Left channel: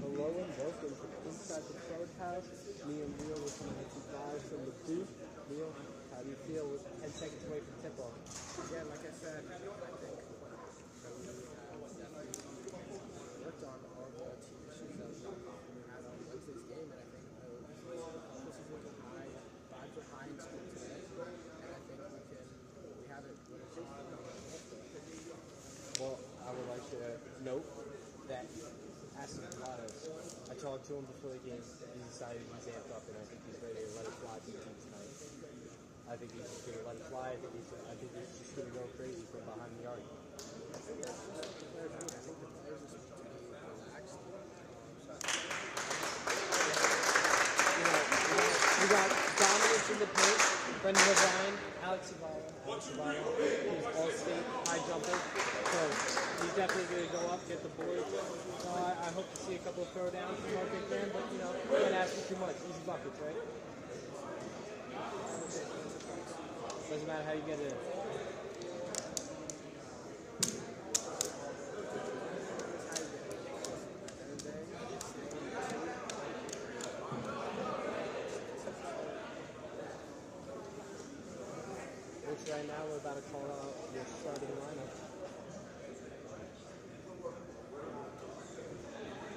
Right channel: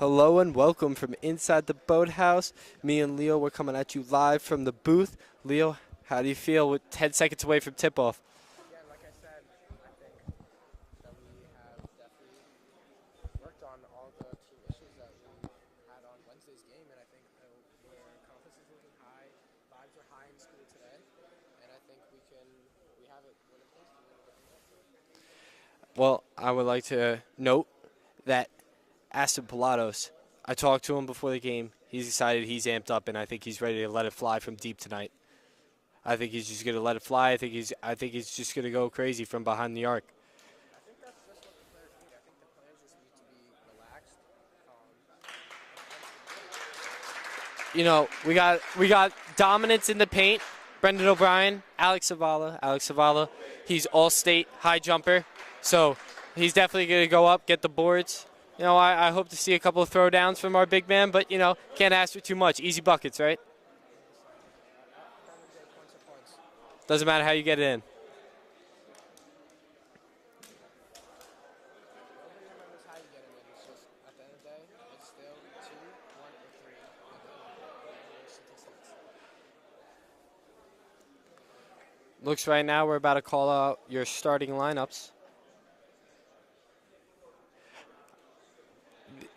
Hello and welcome from inside the boathouse. Me and Leo, we're coming at you live from the booth. Leo, how do you feel with 10 seconds away from tip-off? Yeah, like I said, I think definitely worked on all the key issues that we had on Wednesday's game, and I think the confidence is looking high, vibes are high in school today, and I think we have it. Well, I would like to note that Aston Pilatos, I talked to him before the game. He's excited, he's amped up, and I think he's ready to let it fly from deep tonight. I think he's just going to let it fly. I think he's just going to go crazy from behind the arc. You know, we got dominance in the paint. Brendan O'Brien, Alex Zavala, he's all-state high jumper, so he's definitely going to go up, get the boards. You know, I hope to see a couple of throwdowns from our big man, but, you know, can't ask for too much. Easy buckets, right? Doesn't matter how you get it in. Looks right now we're about to call out your starting lineups.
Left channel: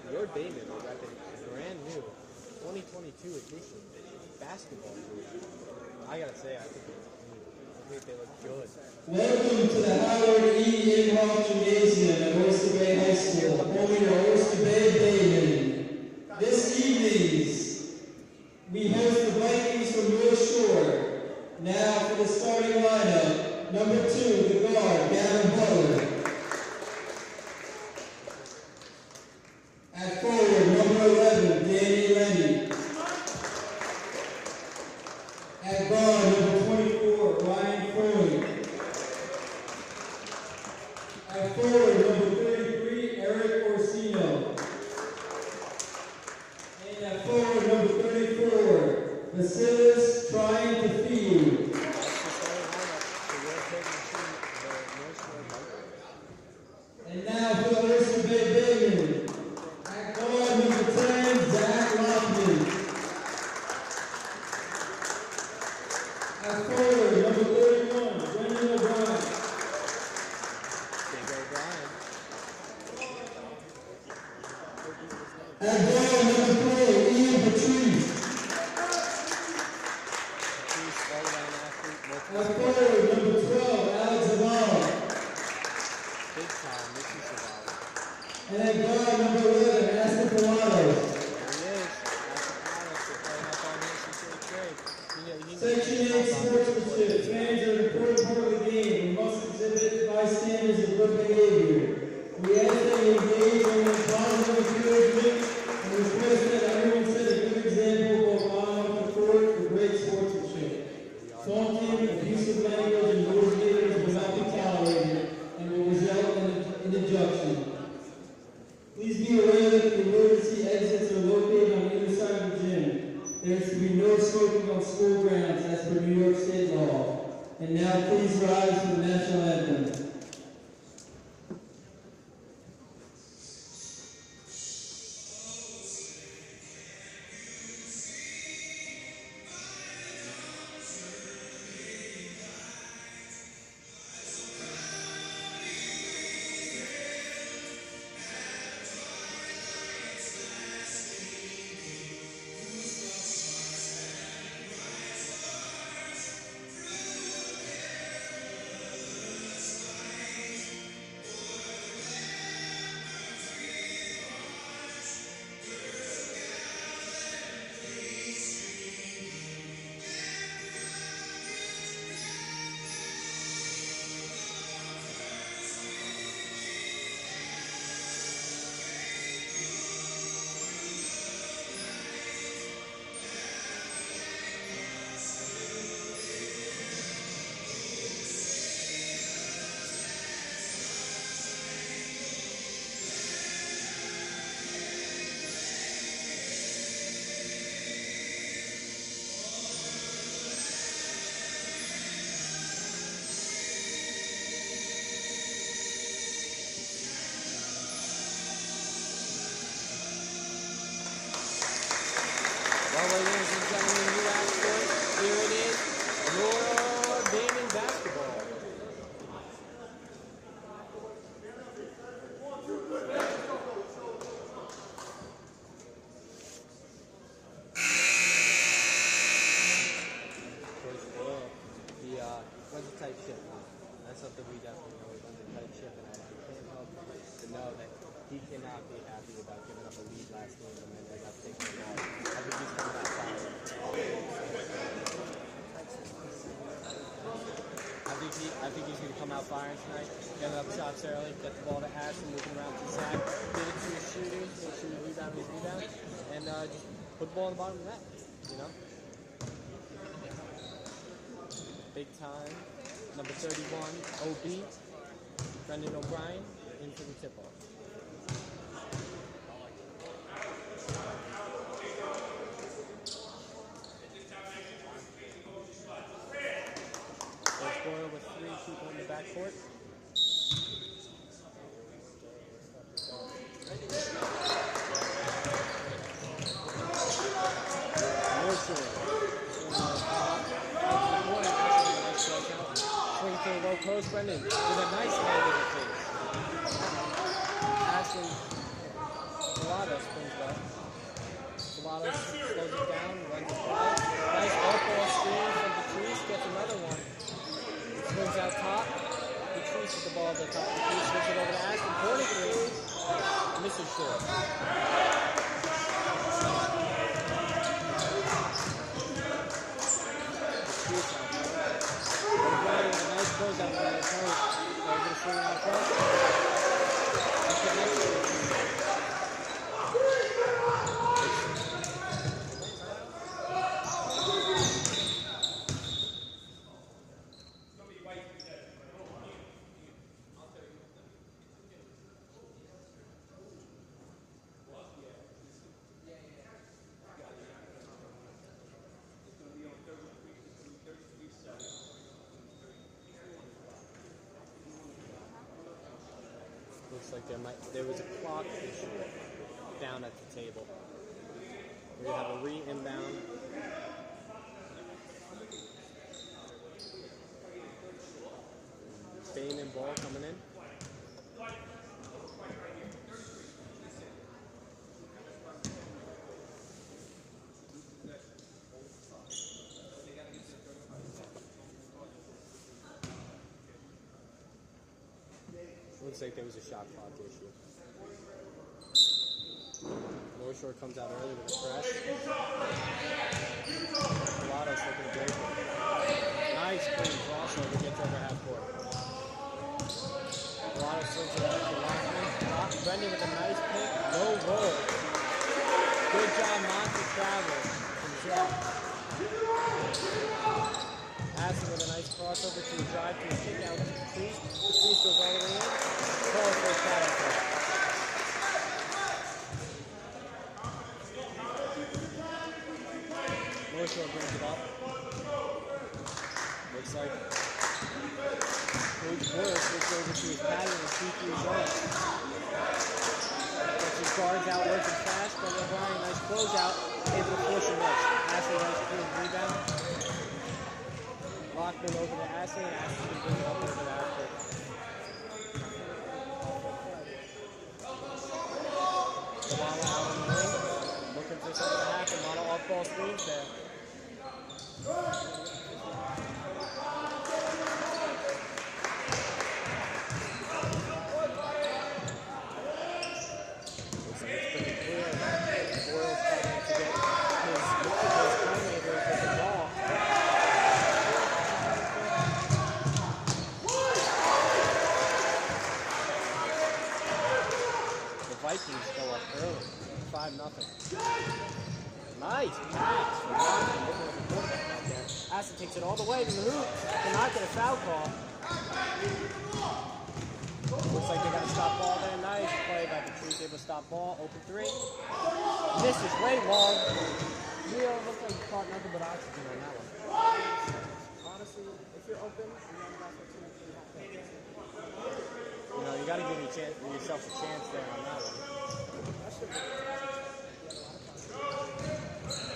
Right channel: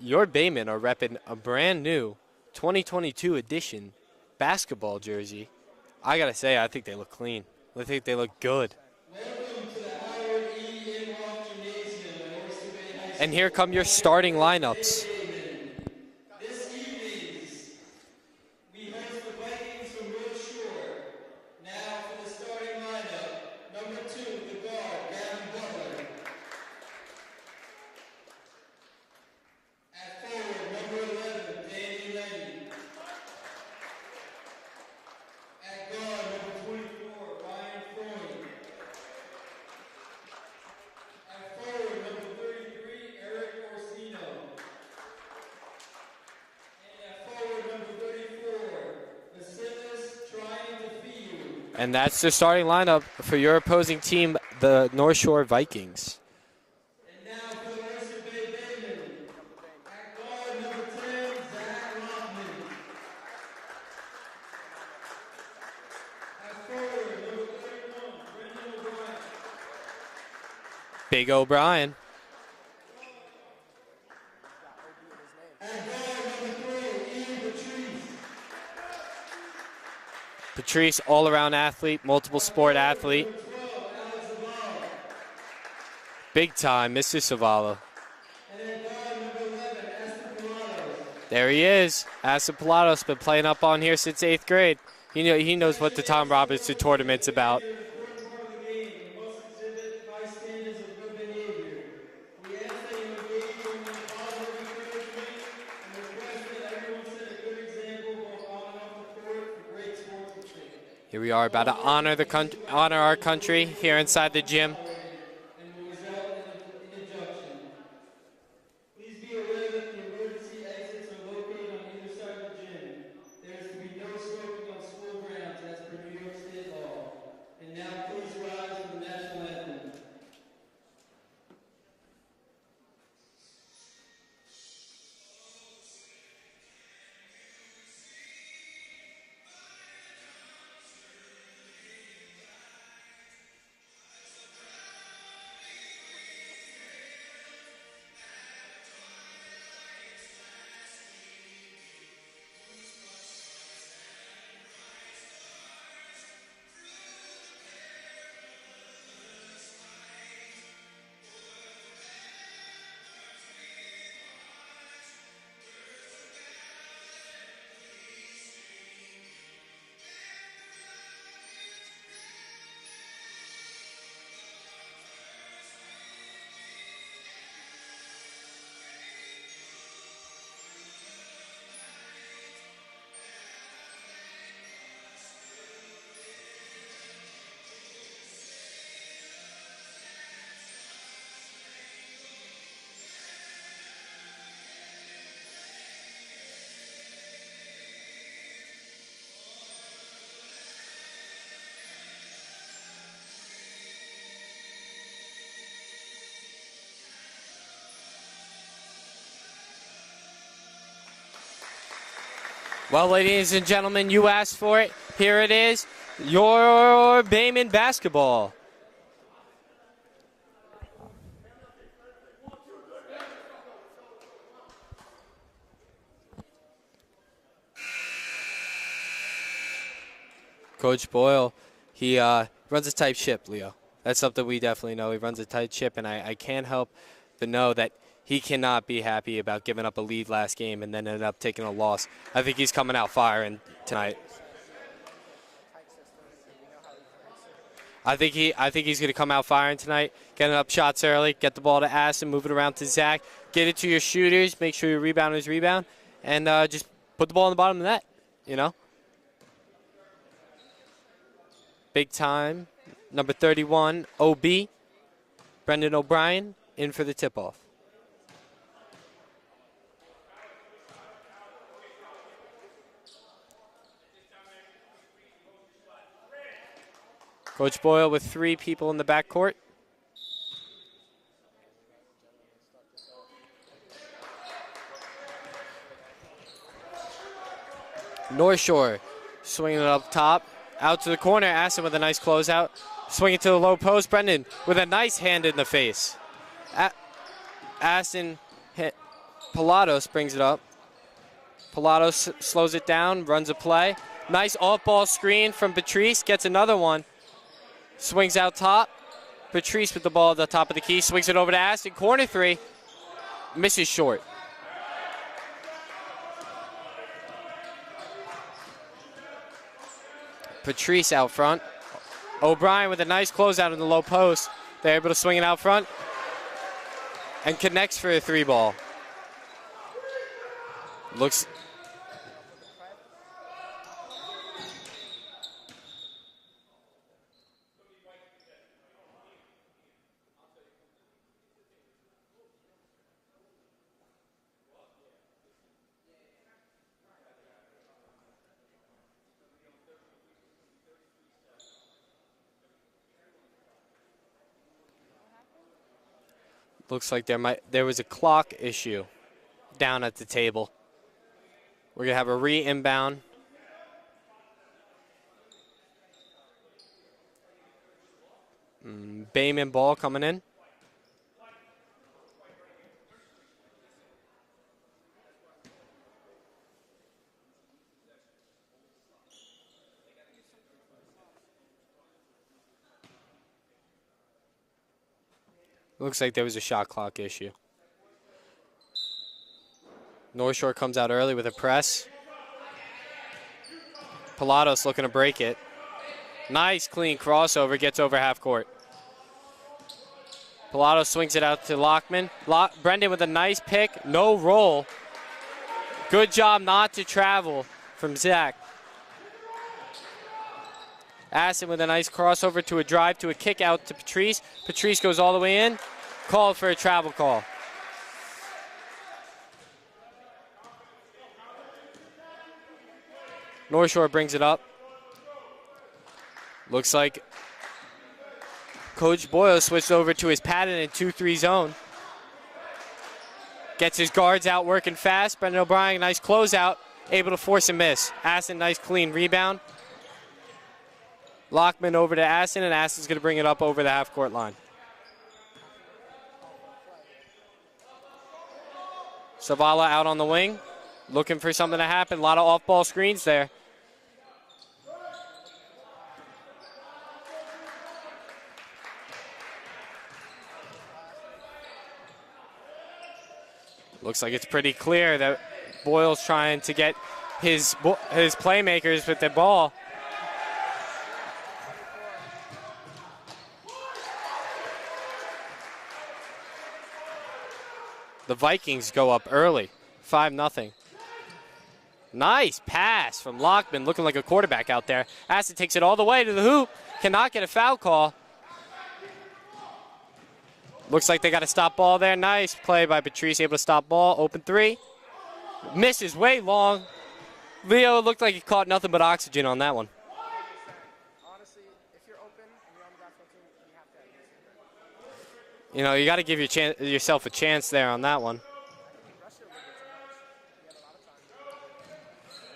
Your Baymen are repping a brand new 2022 edition basketball jersey. I gotta say, I think they look clean. I think they look good. Welcome to the Howard E. Inhofe Gymnasium at Oyster Bay High School. And here come your starting lineups. This evening, we host the Vikings from North Shore. Now for the starting lineup, number 2, the guard, Gavin Butler. At forward, number 11, Danny Lenny. At guard, number 24, Ryan Freund. At forward, number 33, Eric Orsino. And at forward, number 34, Vasilis trying to feed. And that's the starting lineup for your opposing team, the North Shore Vikings. And now for the Oyster Bay Baymen. At guard, number 10, Zach Lockman. At forward, number 31, Brendan O'Brien. Big O'Brien. At guard, number 3, Ian Patrice. Patrice, all-around athlete, multiple sport athlete. Number 12, Alex Zavala. Big time, Mr. Zavala. And at guard, number 11, Aston Pilatos. There he is. Aston Pilatos been playing up on here since 8th grade. He knows what the Tom Robinson tournament's about. An important part of the game. We must exhibit bystanders and good behavior. We ask that you engage in positive encouragement and request that everyone set a good example both on and off the court for great sportsmanship. Here we are about to honor our country here inside the gym. And will result in an injunction. Please be aware that the emergency exits are located on either side of the gym. There is to be no smoking on school grounds as per New York State law. And now please rise for the national anthem. Well, ladies and gentlemen, you asked for it. Here it is, your Bayman basketball. Coach Boyle, he runs a tight ship, Leo. That's something we definitely know. He runs a tight ship, and I can't help to know that he cannot be happy about giving up a lead last game and then ended up taking a loss. I think he's coming out firing tonight. I think he's going to come out firing tonight, getting up shots early, get the ball to Aston, move it around to Zach, get it to your shooters, make sure your rebounders rebound, and just put the ball in the bottom of the net, you know? Big time, number 31, OB, Brendan O'Brien, in for the tip-off. Coach Boyle with 3 people in the backcourt. North Shore swinging it up top, out to the corner. Aston with a nice closeout. Swinging to the low post. Brendan with a nice hand in the face. Aston hit. Pilatos brings it up. Pilatos slows it down, runs a play. Nice off-ball screen from Patrice, gets another one. Swings out top. Patrice with the ball at the top of the key. Swings it over to Aston. Corner 3. Misses short. Patrice out front. O'Brien with a nice closeout in the low post. They're able to swing it out front and connects for a 3 ball. Looks. Looks like there was a clock issue down at the table. We're gonna have a re-inbound. Bayman ball coming in. Looks like there was a shot clock issue. North Shore comes out early with a press. Pilatos looking to break it. Nice clean crossover, gets over half court. Pilatos swings it out to Lockman. Brendan with a nice pick, no roll. Good job not to travel from Zach. Aston with a nice crossover to a drive to a kick out to Patrice. Patrice goes all the way in, called for a travel call. North Shore brings it up. Looks like Coach Boyle switched over to his pattern in 2-3 zone. Gets his guards out working fast. Brendan O'Brien, nice closeout, able to force a miss. Aston, nice clean rebound. Lockman over to Aston, and Aston's going to bring it up over the half-court line. Sabala out on the wing, looking for something to happen. A lot of off-ball screens there. Looks like it's pretty clear that Boyle's trying to get his playmakers with the ball. The Vikings go up early, 5-0. Nice pass from Lockman, looking like a quarterback out there. Aston takes it all the way to the hoop, cannot get a foul call. Looks like they got a stop ball there. Nice play by Patrice, able to stop ball, open 3. Misses way long. Leo looked like he caught nothing but oxygen on that one. Honestly, if you're open, You know, you got to give yourself a chance there on that one.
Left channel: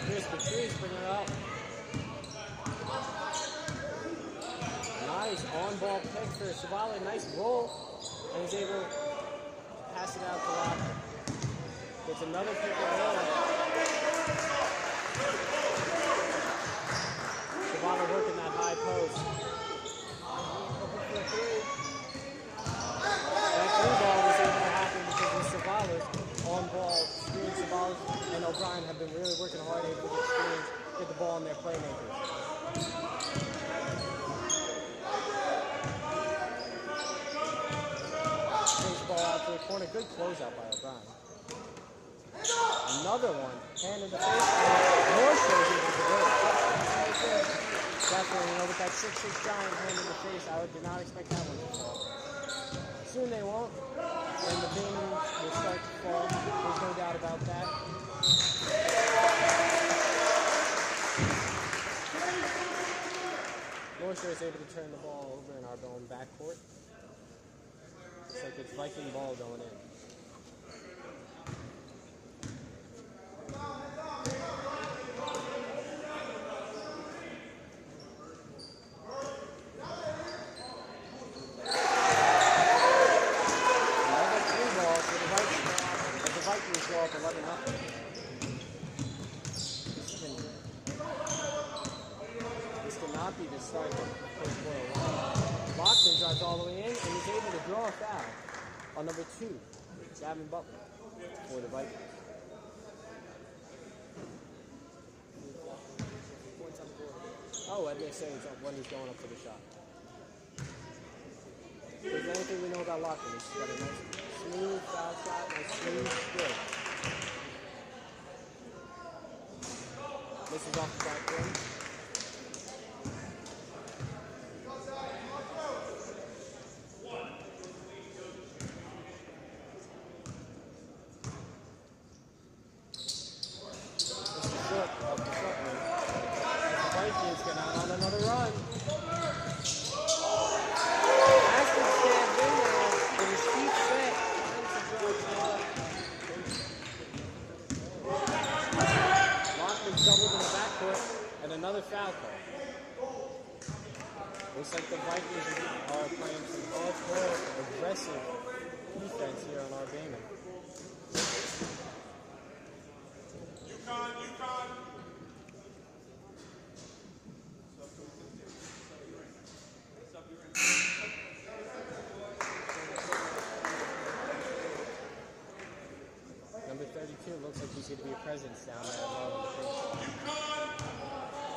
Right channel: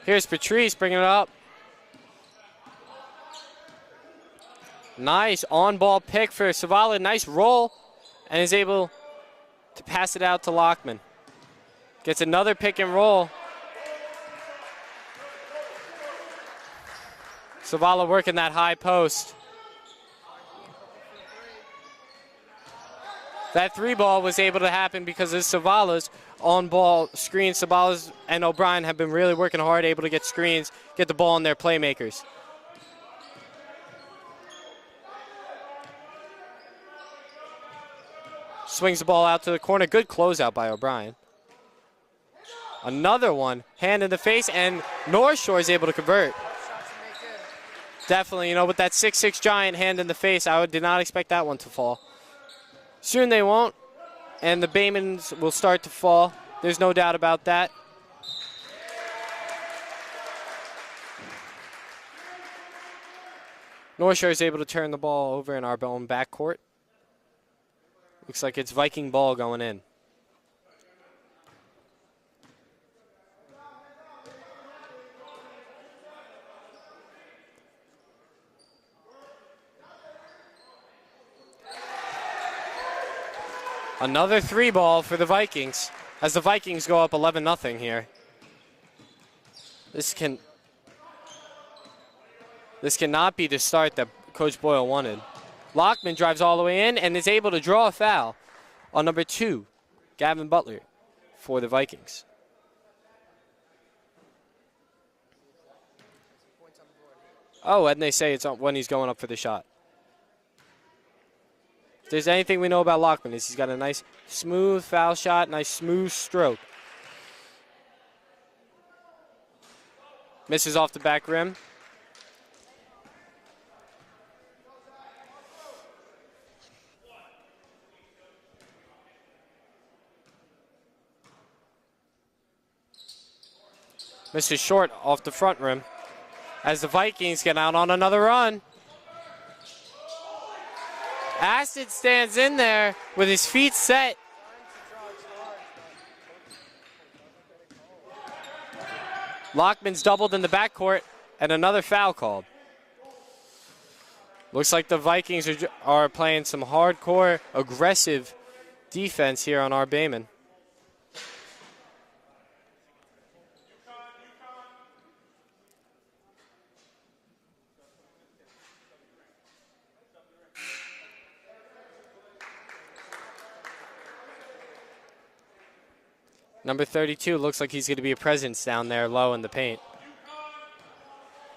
Here's Patrice bringing it up. Nice on-ball pick for Savala. Nice roll, and is able to pass it out to Lockman. Gets another pick and roll. Savala working that high post. That three ball was able to happen because of Savala's on-ball screen. Savala's and O'Brien have been really working hard, able to get screens, get the ball in their playmakers. Swings the ball out to the corner. Good closeout by O'Brien. Another one, hand in the face, and North Shore is able to convert. Definitely, you know, with that 6'6" giant hand in the face, did not expect that one to fall. Soon they won't, and the Baymans will start to fall. There's no doubt about that. North Shore is able to turn the ball over in our own backcourt. Looks like it's Viking ball going in. Another three ball for the Vikings as the Vikings go up 11-0 here. This cannot be the start that Coach Boyle wanted. Lockman drives all the way in and is able to draw a foul on number 2, Gavin Butler, for the Vikings. Oh, and they say it's when he's going up for the shot. If there's anything we know about Lockman, is he's got a nice smooth foul shot, nice smooth stroke. Misses off the back rim. Misses short off the front rim as the Vikings get out on another run. Aston stands in there with his feet set. Lockman's doubled in the backcourt and another foul called. Looks like the Vikings are playing some hardcore, aggressive defense here on our Bayman. Number 32 looks like he's going to be a presence down there low in the paint.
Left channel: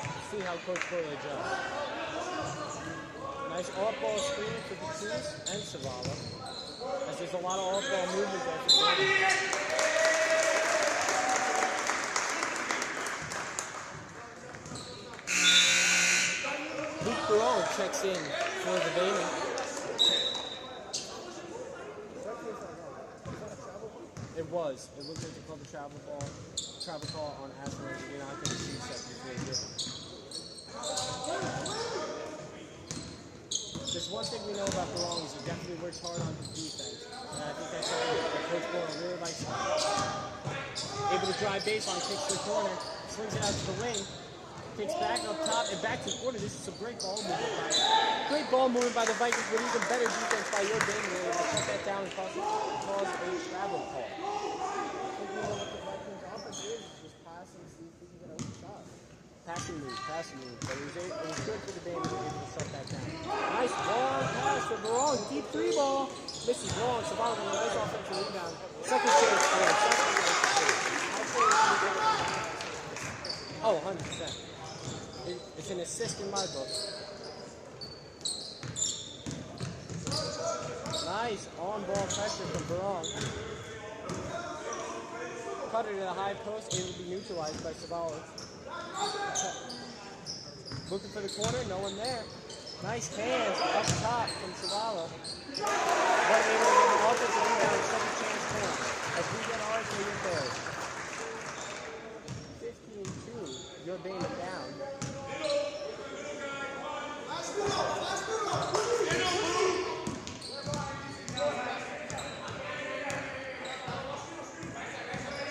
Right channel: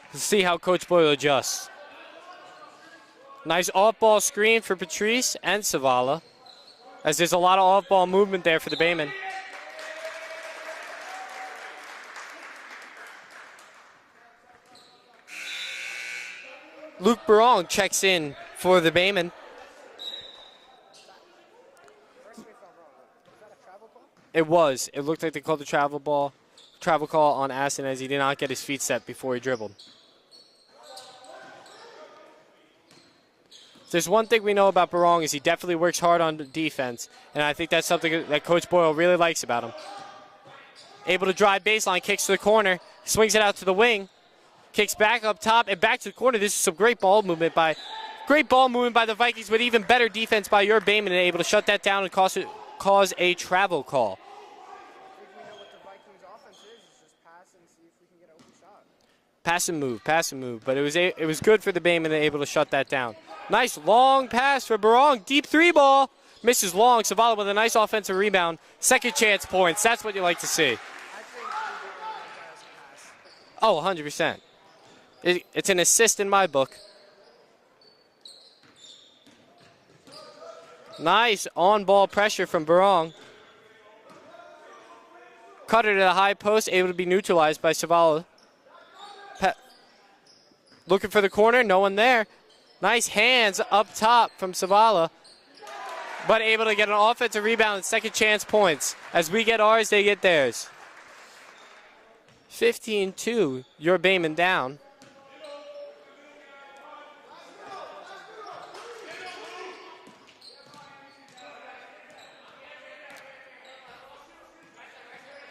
Let's see how Coach Boyle adjusts. Nice off-ball screen for Patrice and Savala, as there's a lot of off-ball movement there for the Bayman. Luke Barong checks in for the Bayman. It was. It looked like they called the travel call on Aston as he did not get his feet set before he dribbled. There's one thing we know about Barong is he definitely works hard on the defense, and I think that's something that Coach Boyle really likes about him. Able to drive baseline, kicks to the corner, swings it out to the wing, kicks back up top and back to the corner. This is some great ball movement by the Vikings, but even better defense by your Bayman, and able to shut that down and cause a travel call. Pass and move, but it was good for the Bayman, able to shut that down. Nice long pass for Barong, deep three ball, misses long. Savala with a nice offensive rebound. Second chance points, that's what you like to see. Oh, 100%. It's an assist in my book. Nice on-ball pressure from Barong. Cutter to the high post, able to be neutralized by Savala. Looking for the corner, no one there. Nice hands up top from Savala, but able to get an offensive rebound and second chance points. As we get ours, they get theirs. 15-2, your Bayman down.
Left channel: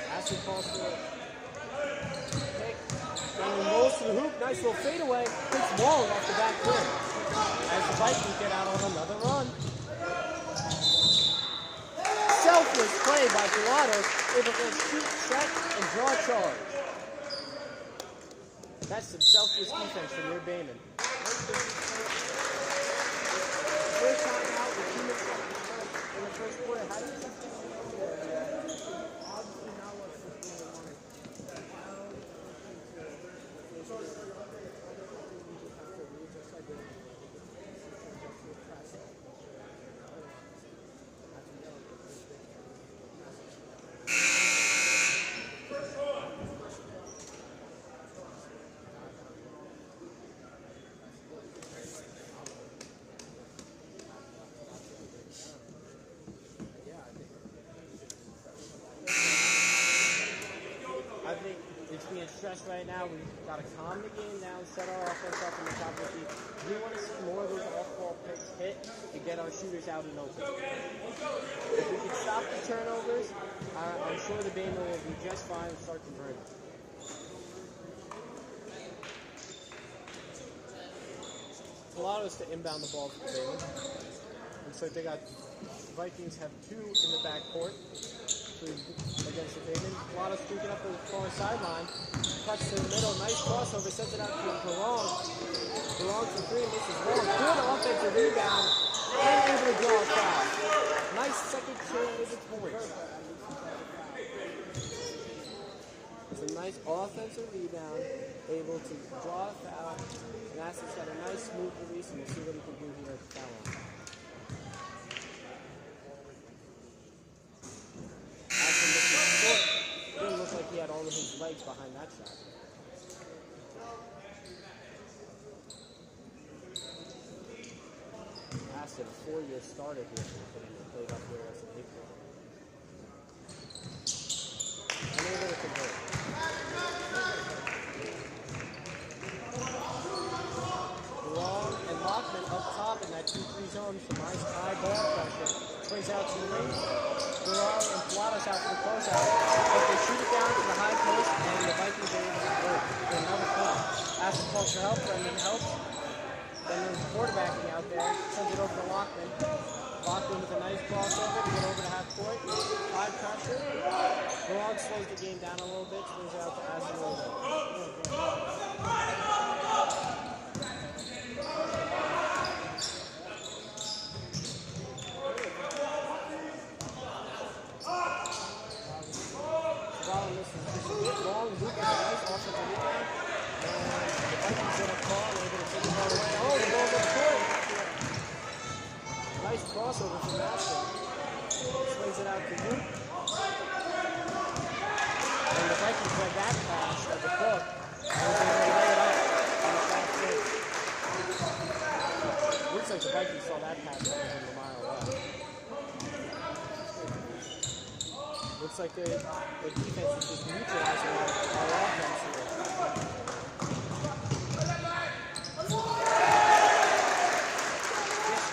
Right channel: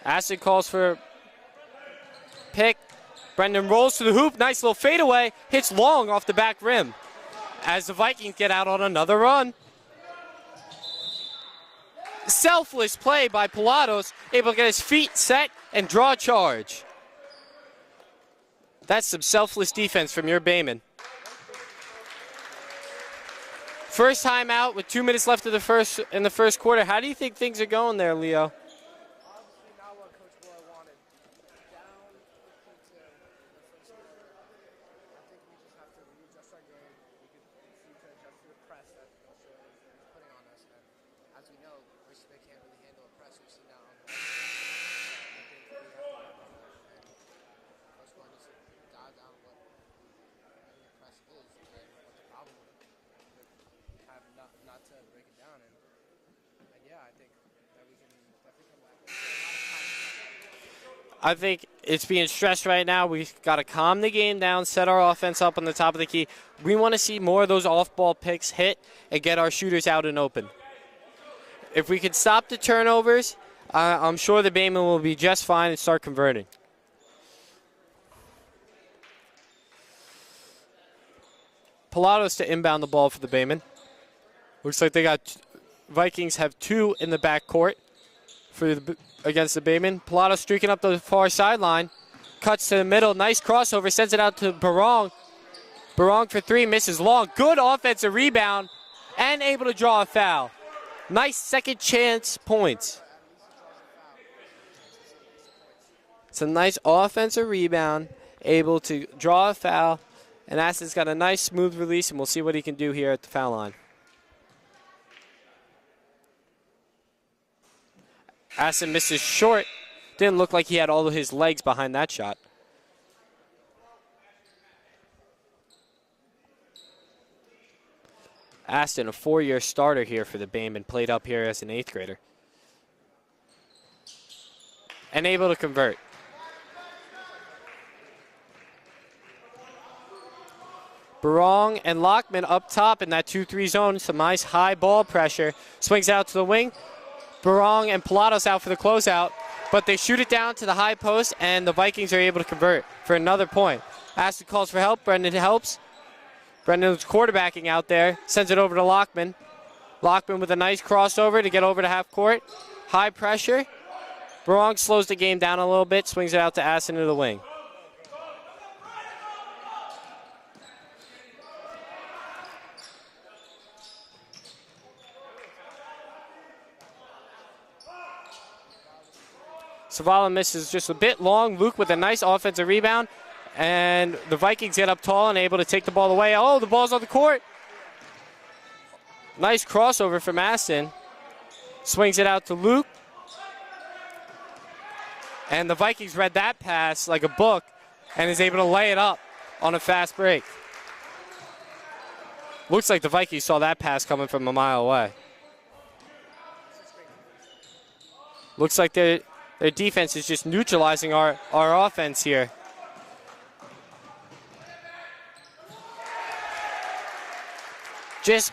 Aston calls for pick, Brendan rolls to the hoop. Nice little fadeaway. Hits long off the back rim as the Vikings get out on another run. Selfless play by Pilatos, able to get his feet set and draw a charge. That's some selfless defense from your Bayman. First time out with 2 minutes left in the first quarter. How do you think things are going there, Leo? I think it's being stressed right now. We've got to calm the game down, set our offense up on the top of the key. We want to see more of those off-ball picks hit and get our shooters out and open. If we could stop the turnovers, I'm sure the Bayman will be just fine and start converting. Pilatos to inbound the ball for the Bayman. Looks like they got Vikings have 2 in the back court against the Bayman. Pilatos streaking up the far sideline, cuts to the middle, nice crossover, sends it out to Barong. Barong for 3, misses long. Good offensive rebound and able to draw a foul. Nice second chance points. It's a nice offensive rebound, able to draw a foul, and Aston's got a nice smooth release, and we'll see what he can do here at the foul line. Aston misses short. Didn't look like he had all of his legs behind that shot. Aston, a 4-year starter here for the Bayman, played up here as an 8th grader. And able to convert. Barong and Lockman up top in that 2-3 zone. Some nice high ball pressure. Swings out to the wing. Barong and Pilatos out for the closeout, but they shoot it down to the high post, and the Vikings are able to convert for another point. Aston calls for help. Brendan helps. Brendan's quarterbacking out there. Sends it over to Lockman. Lockman with a nice crossover to get over to half court. High pressure. Barong slows the game down a little bit. Swings it out to Aston to the wing. Zavala misses just a bit long. Luke with a nice offensive rebound. And the Vikings get up tall and able to take the ball away. Oh, the ball's on the court. Nice crossover from Aston. Swings it out to Luke. And the Vikings read that pass like a book and is able to lay it up on a fast break. Looks like the Vikings saw that pass coming from a mile away. Looks like their defense is just neutralizing our offense here.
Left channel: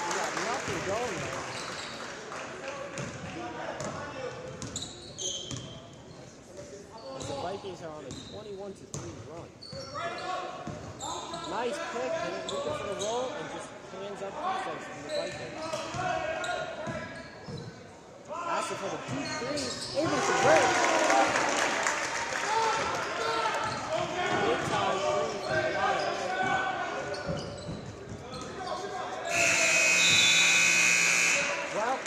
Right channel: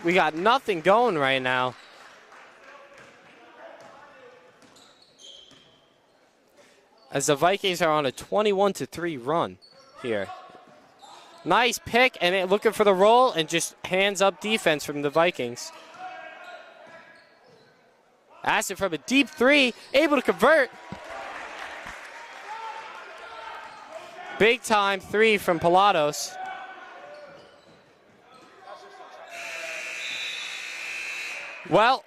We got nothing going right now. As the Vikings are on a 21-3 run here. Nice pick, and looking for the roll, and just hands up defense from the Vikings. Aston from a deep 3, able to convert. Big time 3 from Pilatos. Well,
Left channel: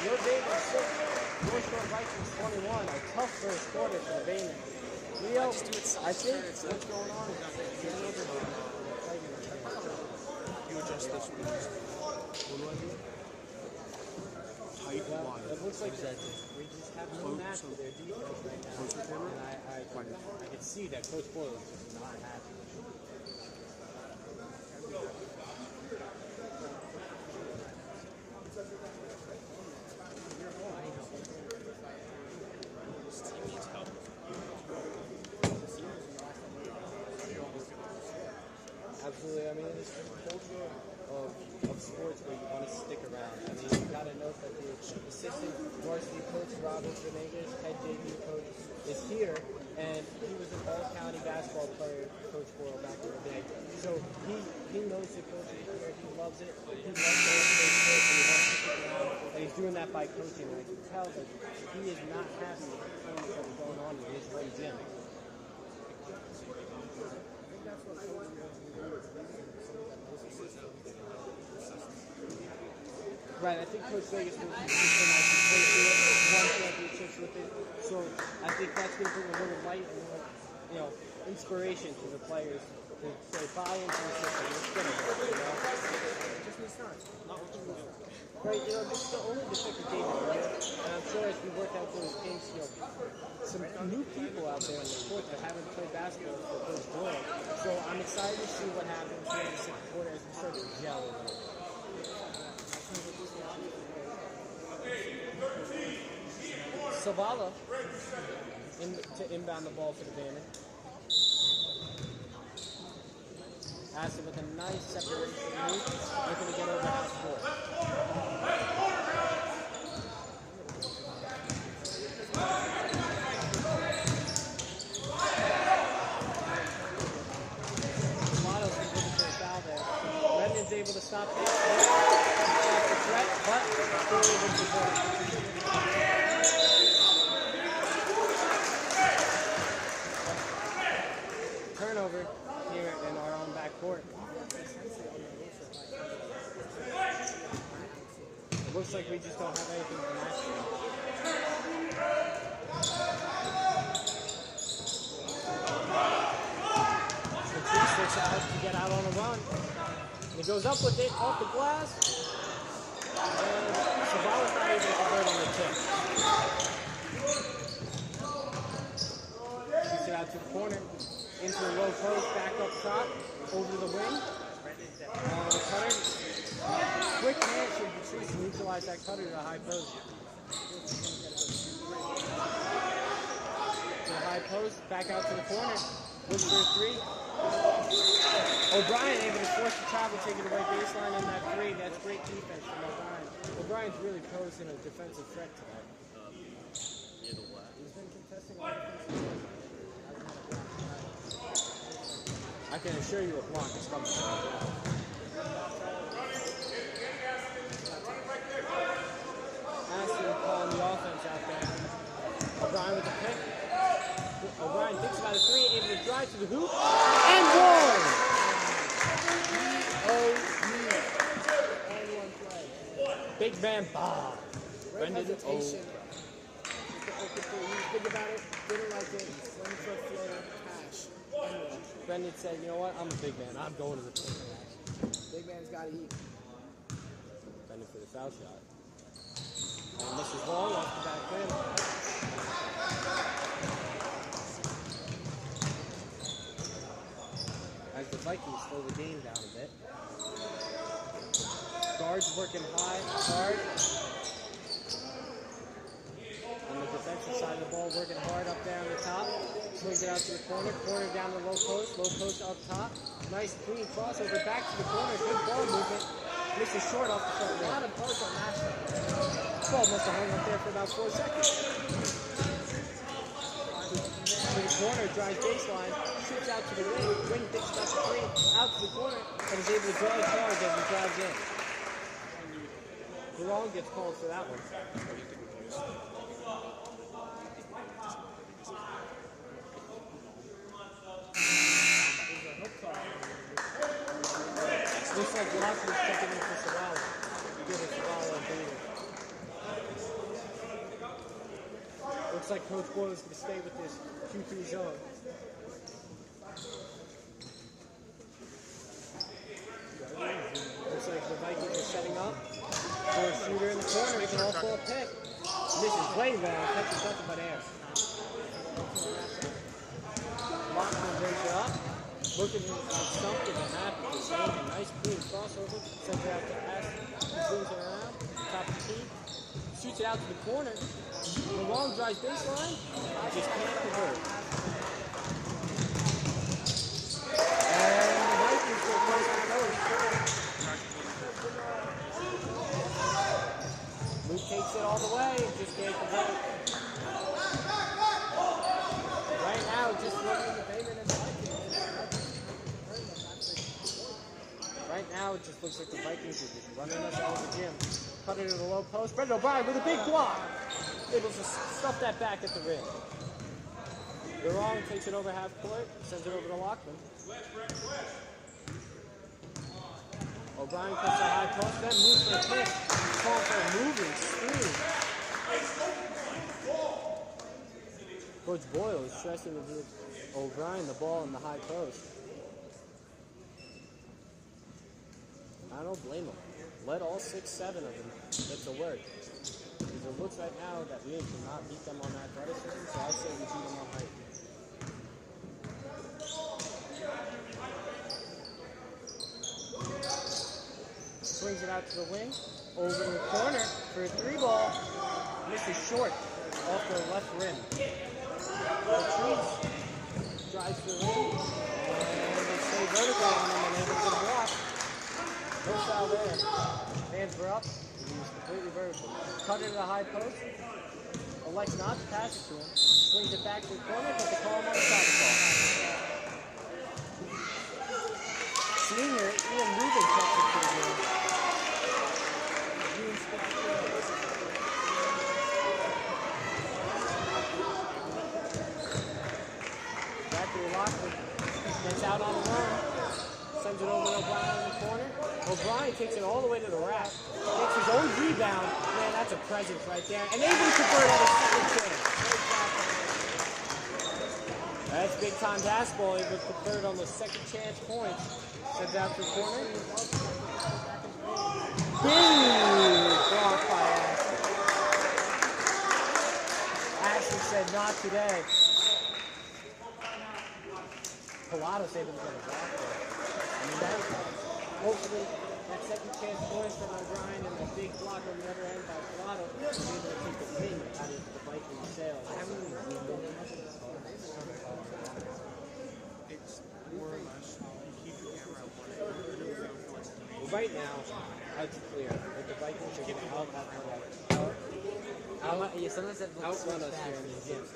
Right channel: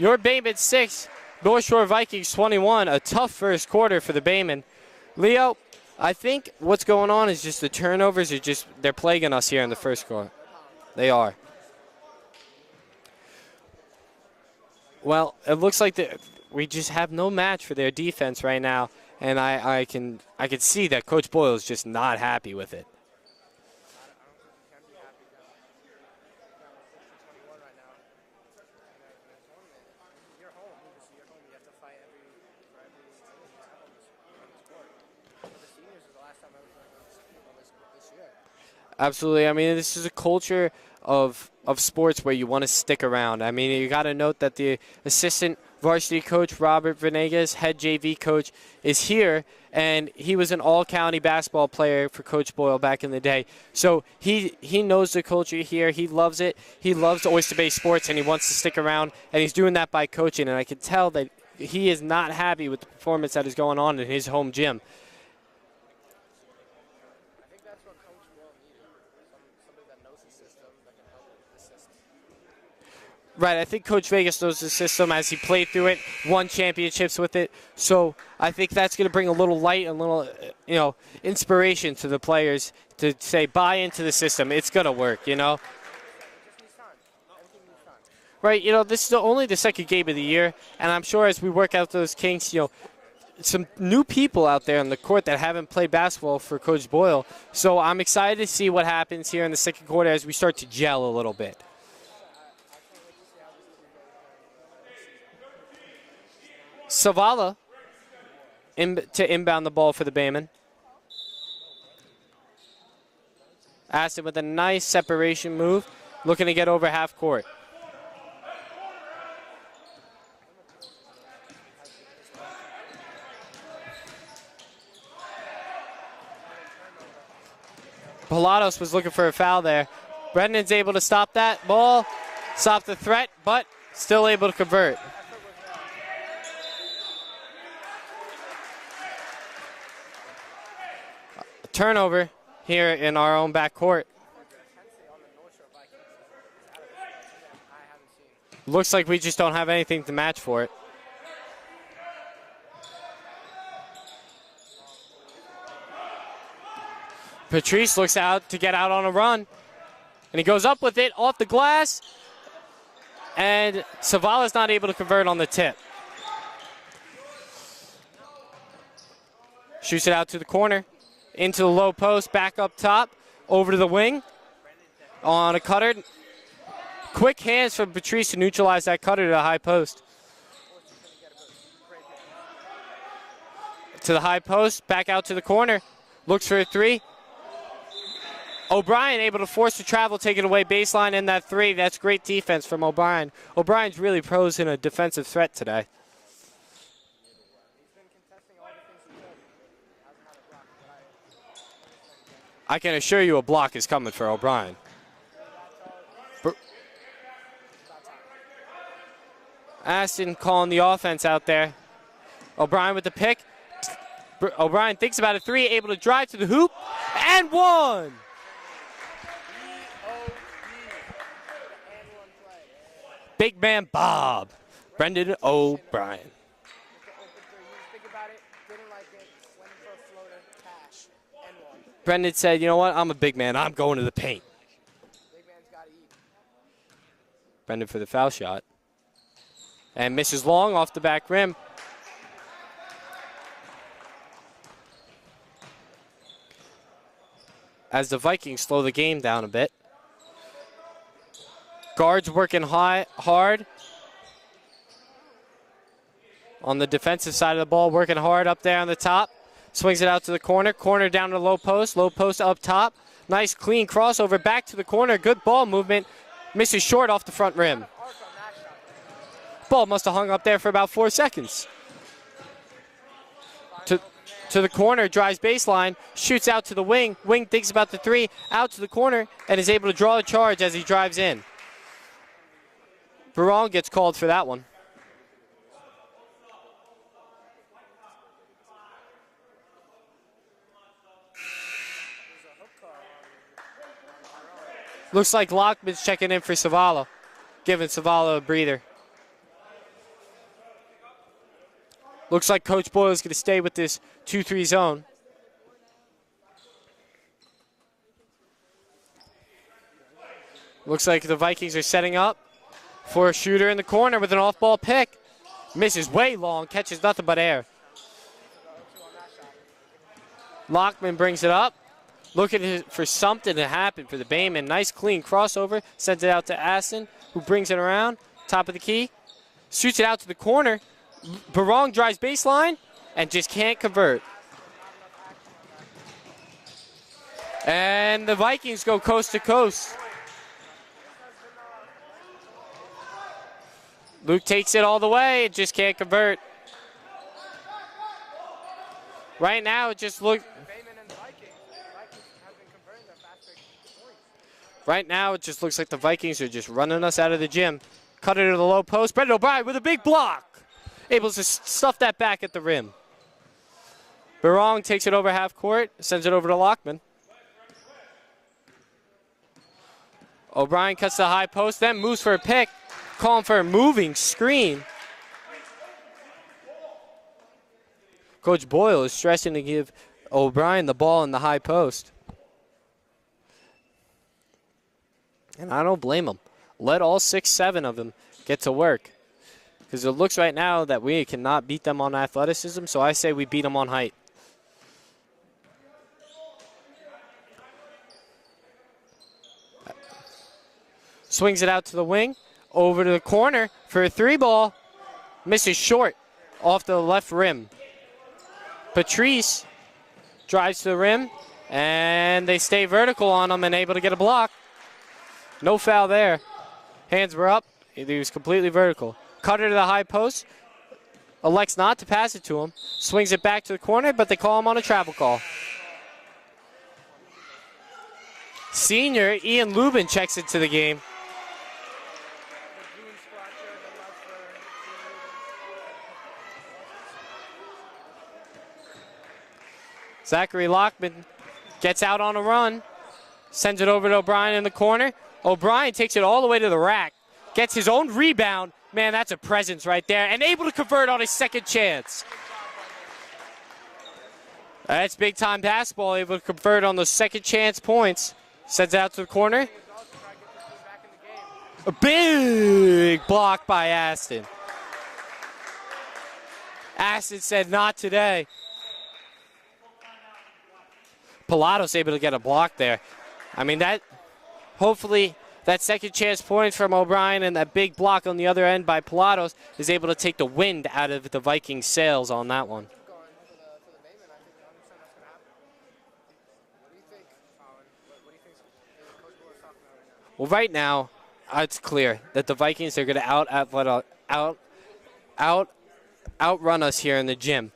your Bayman 6, North Shore Vikings 21. A tough first quarter for the Bayman. Leo, I think what's going on is just the turnovers they're plaguing us here in the first quarter. They are. Well, it looks like we just have no match for their defense right now, and I can see that Coach Boyle is just not happy with it. Absolutely. I mean, this is a culture of sports where you want to stick around. I mean, you got to note that the assistant varsity coach, Robert Venegas, head JV coach, is here and he was an all-county basketball player for Coach Boyle back in the day. So he knows the culture here. He loves it. He loves Oyster Bay sports, and he wants to stick around, and he's doing that by coaching. And I can tell that he is not happy with the performance that is going on in his home gym. Right, I think Coach Vegas knows the system as he played through it, won championships with it. So I think that's going to bring a little light and a little, inspiration to the players to say, buy into the system. It's going to work, Right, this is only the second game of the year, and I'm sure as we work out those kinks, some new people out there on the court that haven't played basketball for Coach Boyle. So I'm excited to see what happens here in the second quarter as we start to gel a little bit. Savala to inbound the ball for the Baymen. Aston with a nice separation move, looking to get over half court. Pilatos was looking for a foul there. Brendan's able to stop that ball, stop the threat, but still able to convert. Turnover here in our own backcourt. Looks like we just don't have anything to match for it. Patrice looks out to get out on a run, and he goes up with it off the glass, and Savala's not able to convert on the tip. Shoots it out to the corner. Into the low post, back up top, over to the wing, on a cutter. Quick hands from Patrice to neutralize that cutter to the high post. To the high post, back out to the corner. Looks for a three. O'Brien able to force the travel, take it away baseline in that three. That's great defense from O'Brien. O'Brien's really pros in a defensive threat today. I can assure you a block is coming for O'Brien. Aston calling the offense out there. O'Brien with the pick. O'Brien thinks about a three, able to drive to the hoop, and one! Big man Bob. Brendan O'Brien. Brendan said, you know what, I'm a big man. I'm going to the paint. Big man's gotta eat. Brendan for the foul shot. And misses long off the back rim. As the Vikings slow the game down a bit. Guards working hard. On the defensive side of the ball, working hard up there on the top. Swings it out to the corner. Corner down to the low post up top. Nice clean crossover back to the corner. Good ball movement. Misses short off the front rim. Ball must have hung up there for about 4 seconds. To the corner, drives baseline, shoots out to the wing. Wing thinks about the three, out to the corner, and is able to draw a charge as he drives in. Barong gets called for that one. Looks like Lockman's checking in for Savala, giving Savala a breather. Looks like Coach Boyle is going to stay with this 2-3 zone. Looks like the Vikings are setting up for a shooter in the corner with an off-ball pick. Misses way long, catches nothing but air. Lockman brings it up. Looking for something to happen for the Baymen. Nice clean crossover. Sends it out to Aston, who brings it around. Top of the key. Shoots it out to the corner. Barong drives baseline and just can't convert. And the Vikings go coast to coast. Luke takes it all the way, just can't convert. Right now, it just looks. Right now, it just looks like the Vikings are just running us out of the gym. Cut it to the low post. Brendan O'Brien with a big block. Able to stuff that back at the rim. Barong takes it over half court, sends it over to Lockman. O'Brien cuts the high post, then moves for a pick, calling for a moving screen. Coach Boyle is stressing to give O'Brien the ball in the high post. And I don't blame him. Let all 6, 7 of them get to work. Because it looks right now that we cannot beat them on athleticism, so I say we beat them on height. Swings it out to the wing, over to the corner for a 3-ball. Misses short off the left rim. Patrice drives to the rim, and they stay vertical on him and able to get a block. No foul there. Hands were up. He was completely vertical. Cutter to the high post. Elects not to pass it to him. Swings it back to the corner, but they call him on a travel call. Senior Ian Lubin checks it to the game. Zachary Lockman gets out on a run, sends it over to O'Brien in the corner. O'Brien takes it all the way to the rack, gets his own rebound. Man, that's a presence right there, and able to convert on his second chance. That's big time basketball, able to convert on those second chance points. Sends out to the corner. A big block by Aston. Aston said not today. Pilatos able to get a block there. I mean, that hopefully that second chance points from O'Brien and that big block on the other end by Pilatos is able to take the wind out of the Vikings' sails on that one. Well, right now, it's clear that the Vikings are going to outrun us here in the gym.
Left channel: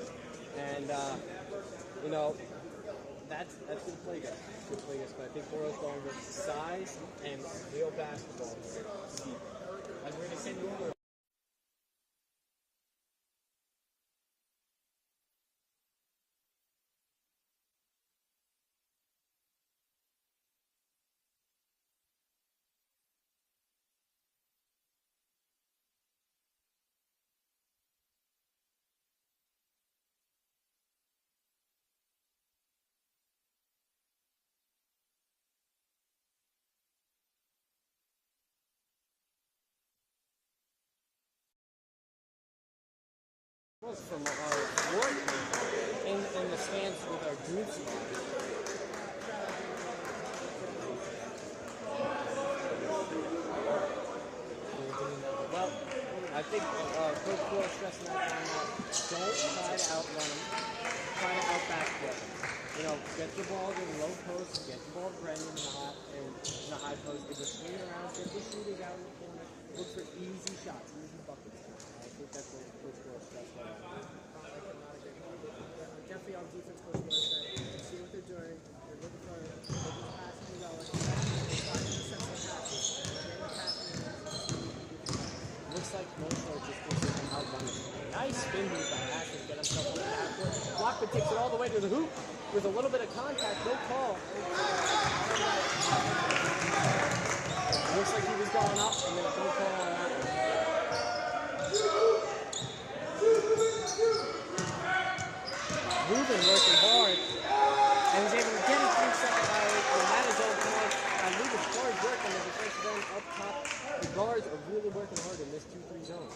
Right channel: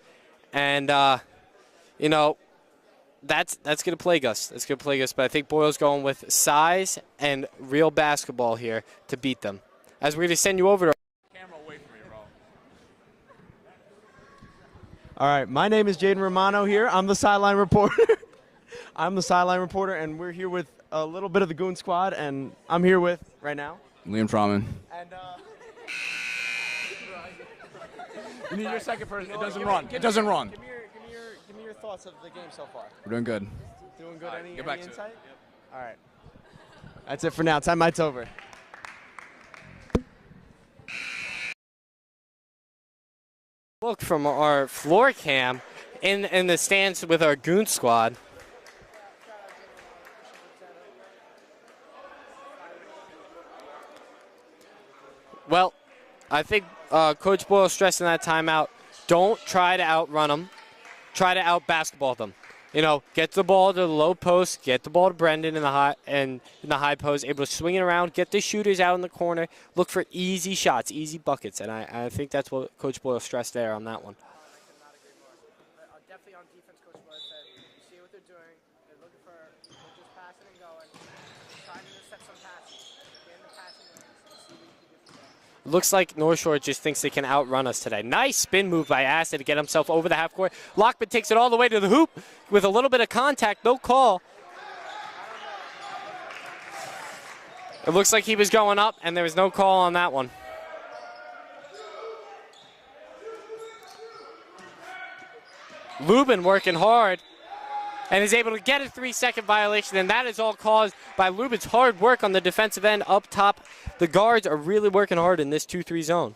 And, you know, that's going to plague us. That's going to plague us. But I think Boyle's going with size and real basketball here to beat them. As we're going to send you over to... Camera away from me, bro. All right, my name is Jaden Romano here. I'm the sideline reporter. I'm the sideline reporter, and we're here with a little bit of the Goon Squad, and I'm here with, right now, Liam Trauman. and You need your second person. It doesn't run. It doesn't run. Give me your thoughts of the game so far. We're doing good. Doing good. Any get back to it. insight? All right. That's it for now. Timeout's over. Look from our floor cam in the stands with our Goon Squad. Well, I think Coach Boyle stressed in that timeout, don't try to outrun them. Try to out-basketball them. You know, get the ball to the low post, get the ball to Brendan in the high post, able to swing it around, get the shooters out in the corner, look for easy shots, easy buckets, and I think that's what Coach Boyle stressed there on that one. Definitely on defense, Coach Boyle said, you see what they're doing. They're looking for passing and going. They're trying to set some passes. Looks like North Shore just thinks they can outrun us today. Nice spin move by Acid to get himself over the half court. Lockman takes it all the way to the hoop with a little bit of contact, no call. It looks like he was going up, and there was no call on that one. Lubin working hard and is able to get a 3-second violation, and that is all caused by Lubin's hard work on the defensive end up top. The guards are really working hard in this 2-3 zone.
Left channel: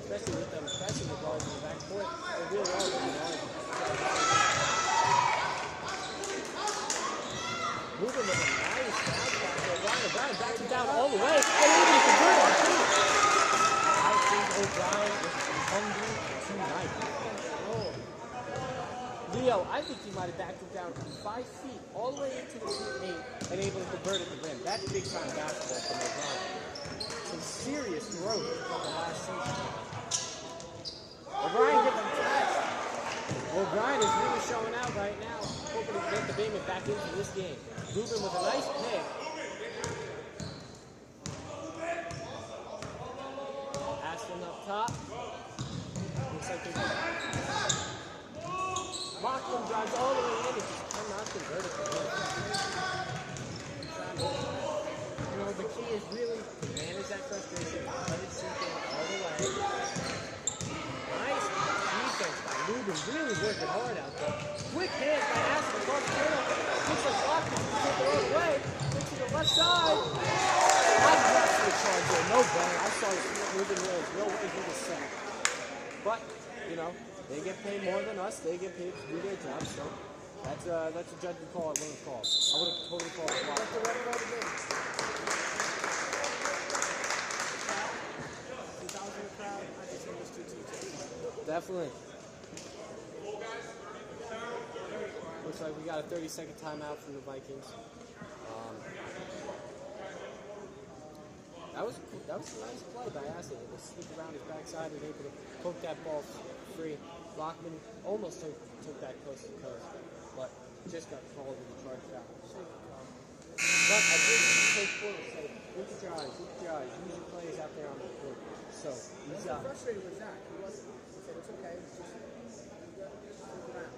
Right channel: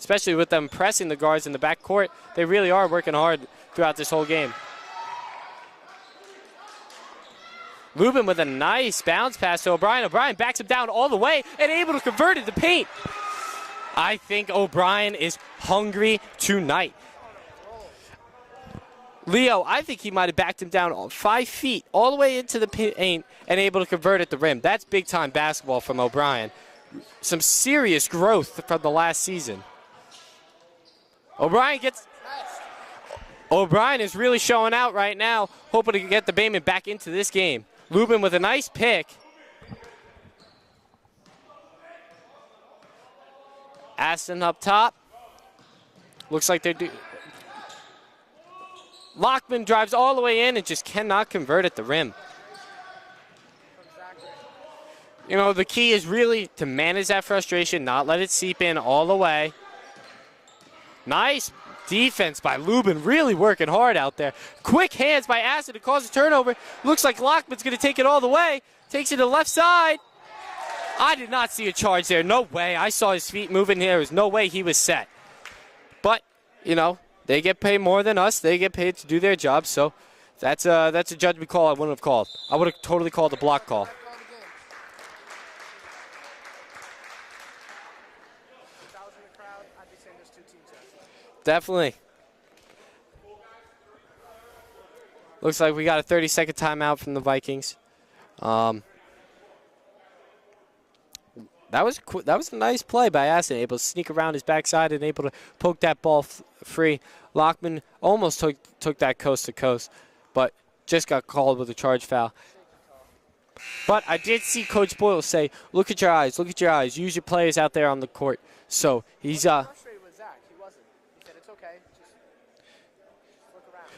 Especially with them pressing the guards in the backcourt, they really are working hard throughout this whole game. Lubin with a nice bounce pass to O'Brien. O'Brien backs him down all the way and able to convert it to paint. I think O'Brien is hungry tonight. Leo, I think he might have backed him down 5 feet all the way into the paint and able to convert at the rim. That's big-time basketball from O'Brien. Some serious growth from the last season. O'Brien is really showing out right now, hoping to get the Bayman back into this game. Lubin with a nice pick. Aston up top. Looks like they're Lockman drives all the way in and just cannot convert at the rim. You know, the key is really to manage that frustration, not let it seep in all the way. Nice defense by Lubin, really working hard out there. Quick hands by Aston to cause a turnover. Looks like Lockman's gonna take it all the way. Takes it to the left side. I did not see a charge there, no way. I saw his feet moving there. There was no way he was set. But, you know, they get paid more than us. They get paid to do their job, so that's a judgment call I wouldn't have called. I would have totally called a block call. Definitely. Looks like we got a 30-second timeout from the Vikings. That was a nice play by Aston, able to sneak around his backside and able to poke that ball free. Lockman almost took that coast to coast, but just got called with a charge foul. But I did see Coach Boyle say, look at your eyes, use your players out there on the court. So he's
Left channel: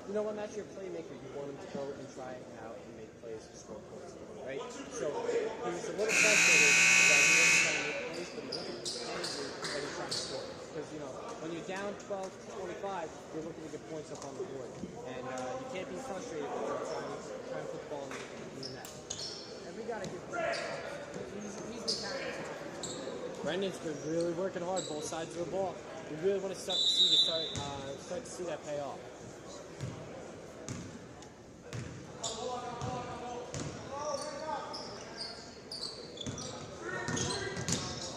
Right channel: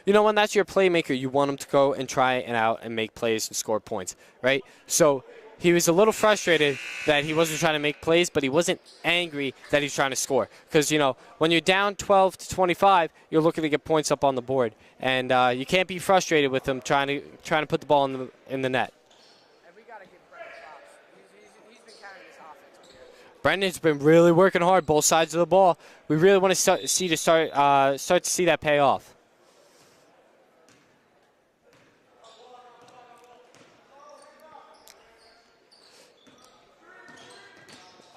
you know, when that's your playmaker, you want him to go and try it out and make plays and score points, right? So he was a little frustrated that he wasn't trying to make plays, but he wasn't angry that he's trying to score. Because, you know, when you're down 12 to 25, you're looking to get points up on the board. And you can't be frustrated with him trying to put the ball in the net. Brendan's been really working hard, both sides of the ball. We really want to start to see that pay off.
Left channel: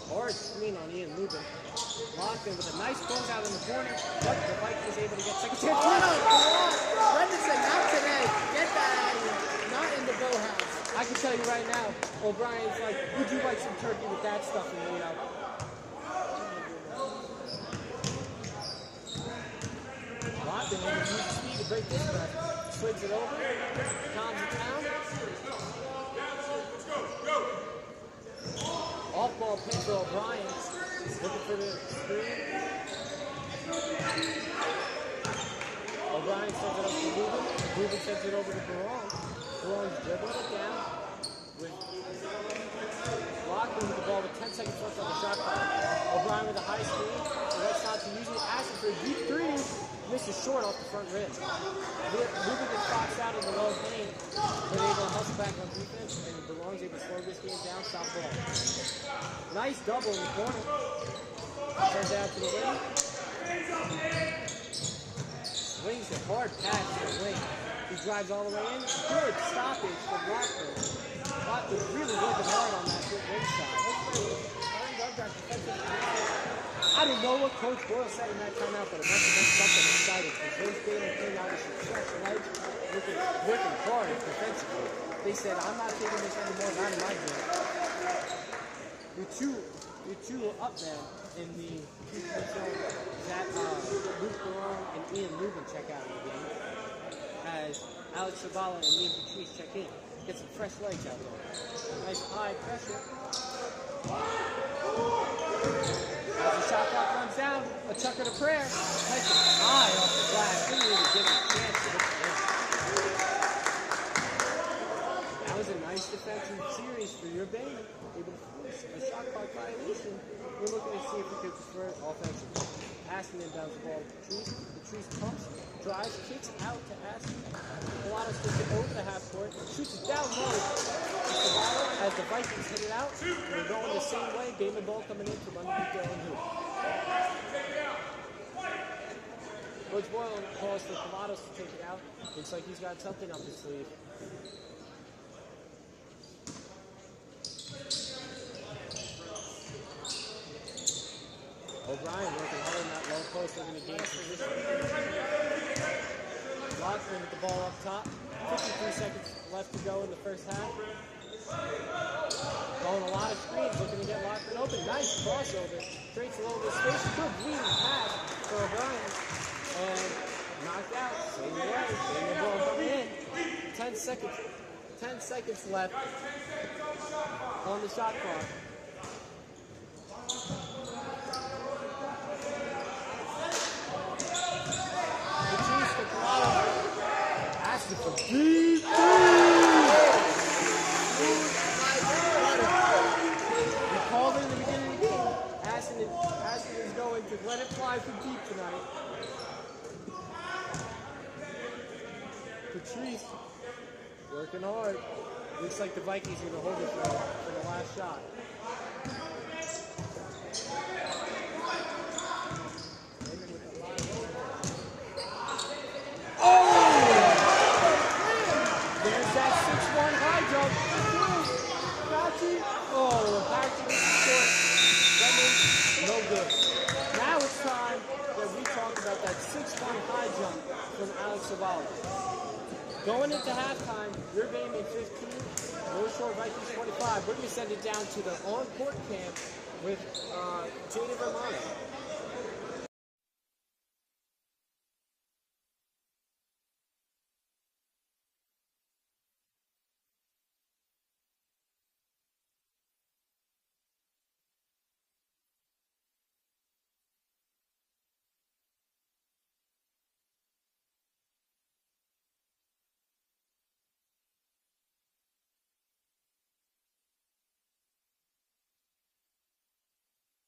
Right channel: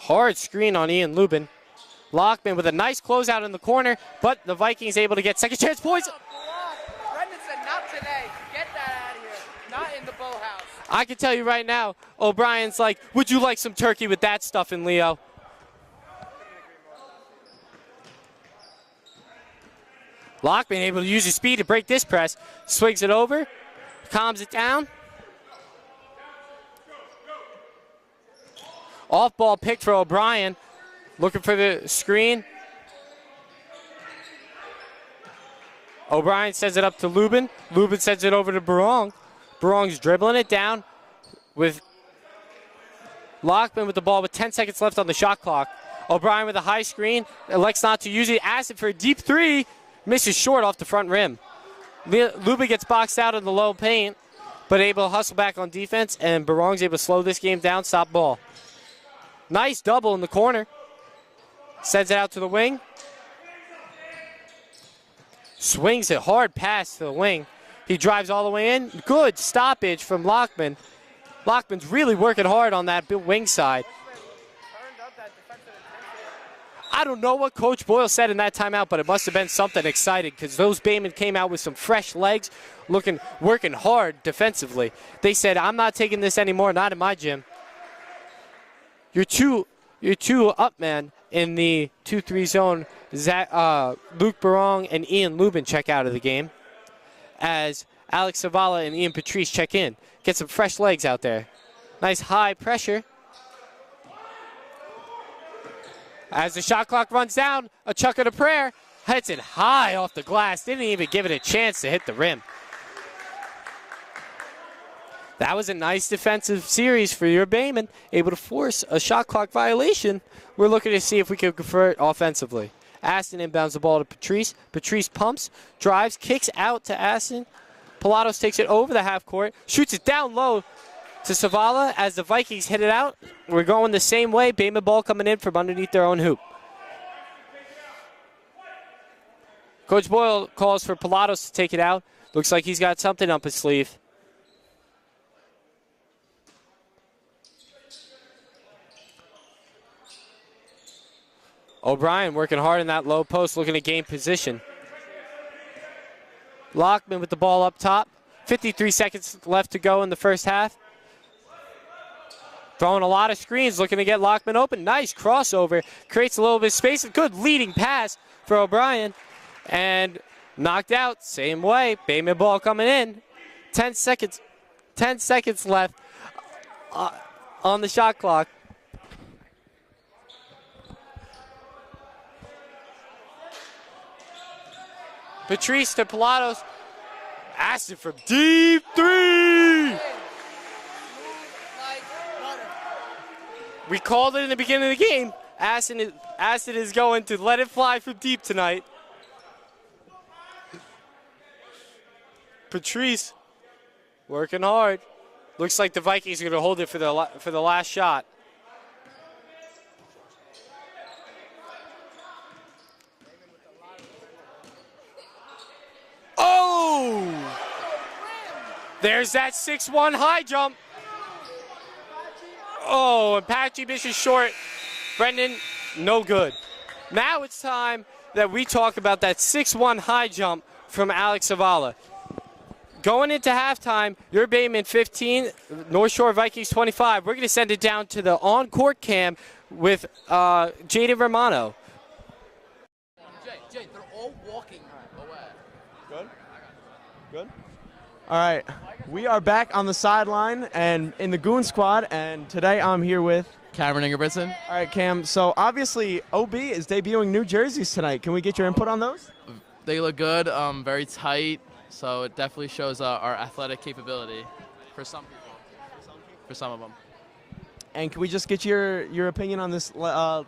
Hard screen on Ian Lubin. Lockman with a nice closeout in the corner, but the Vikings able to get second chance points. Brendan said, not today. Get that out of here. Not in the bowl house. I can tell you right now, O'Brien's like, would you like some turkey with that stuff in, Leo? Lockman able to use his speed to break this press. Swigs it over, calms it down. Off-ball pick for O'Brien. Looking for the screen. O'Brien sends it up to Lubin. Lubin sends it over to Barong. Barong's dribbling it down with Lockman with the ball with 10 seconds left on the shot clock. O'Brien with a high screen. Elects not to use it. Asks it for a deep three. Misses short off the front rim. Lubin gets boxed out in the low paint, but able to hustle back on defense, and Barong's able to slow this game down, stop ball. Nice double in the corner. Sends it out to the wing. Swings it hard past the wing. He drives all the way in. Good stoppage from Lockman. Lockman's really working hard on that wing side. I don't know what Coach Boyle said in that timeout, but it must have been something exciting because those Baymen came out with some fresh legs, working hard defensively. They said, I'm not taking this anymore, not in my gym. Your two up man in the 2-3 zone, Luke Barong and Ian Lubin check out of the game as Alex Zavala and Ian Patrice check in. Get some fresh legs out there. Nice high pressure. As the shot clock runs down, a chuck and a prayer. Heads it high off the glass. Didn't even give it a chance to hit the rim. That was a nice defensive series for your Bayman, able to force a shot clock violation. We're looking to see if we can convert offensively. Aston inbounds the ball to Patrice. Patrice pumps, drives, kicks out to Aston. Pilatos takes it over the half court, shoots it down low to Zavala as the Vikings hit it out. We're going the same way. Bayman ball coming in from underneath their own hoop. Coach Boyle calls for Pilatos to take it out. Looks like he's got something up his sleeve. O'Brien working hard in that low post, looking to gain position. Lockman with the ball up top. 53 seconds left to go in the first half. Throwing a lot of screens, looking to get Lockman open. Nice crossover. Creates a little bit of space. Good leading pass for O'Brien. And knocked out. Same way. Bayman ball coming in. 10 seconds. 10 seconds left on the shot clock. Patrice to Pilatos. Asked it from deep three. We called it in the beginning of the game. Aston is going to let it fly from deep tonight. Patrice working hard. Looks like the Vikings are going to hold it for the last shot. Oh! There's that 6-1 high jump. Oh, Apache misses short. Brendan, no good. Now it's time that we talk about that 6-1 high jump from Alex Zavala. Going into halftime, your Bayman 15, North Shore Vikings 25. We're going to send it down to the on-court cam with Jaden Romano. Jay, they're all walking away. Good? Good? All right. We are back on the sideline and in the Goon Squad, and today I'm here with Cameron Ingebrigtsen. All right, Cam. So obviously, OB is debuting new jerseys tonight. Can we get your input on those? They look good, very tight, so it definitely shows our athletic capability for some people, for some of them. And can we just get your opinion on this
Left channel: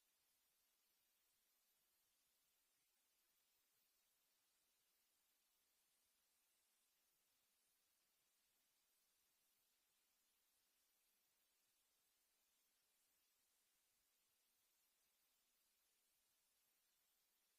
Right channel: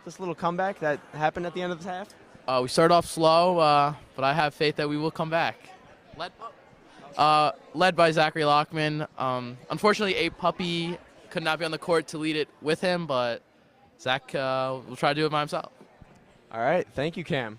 this little comeback that happened at the end of the half? We started off slow, but I have faith that we will come back. Led by Zachary Lockman. Unfortunately, A Puppy could not be on the court to lead it with him, but Zach will try to do it by himself. All right. Thank you, Cam.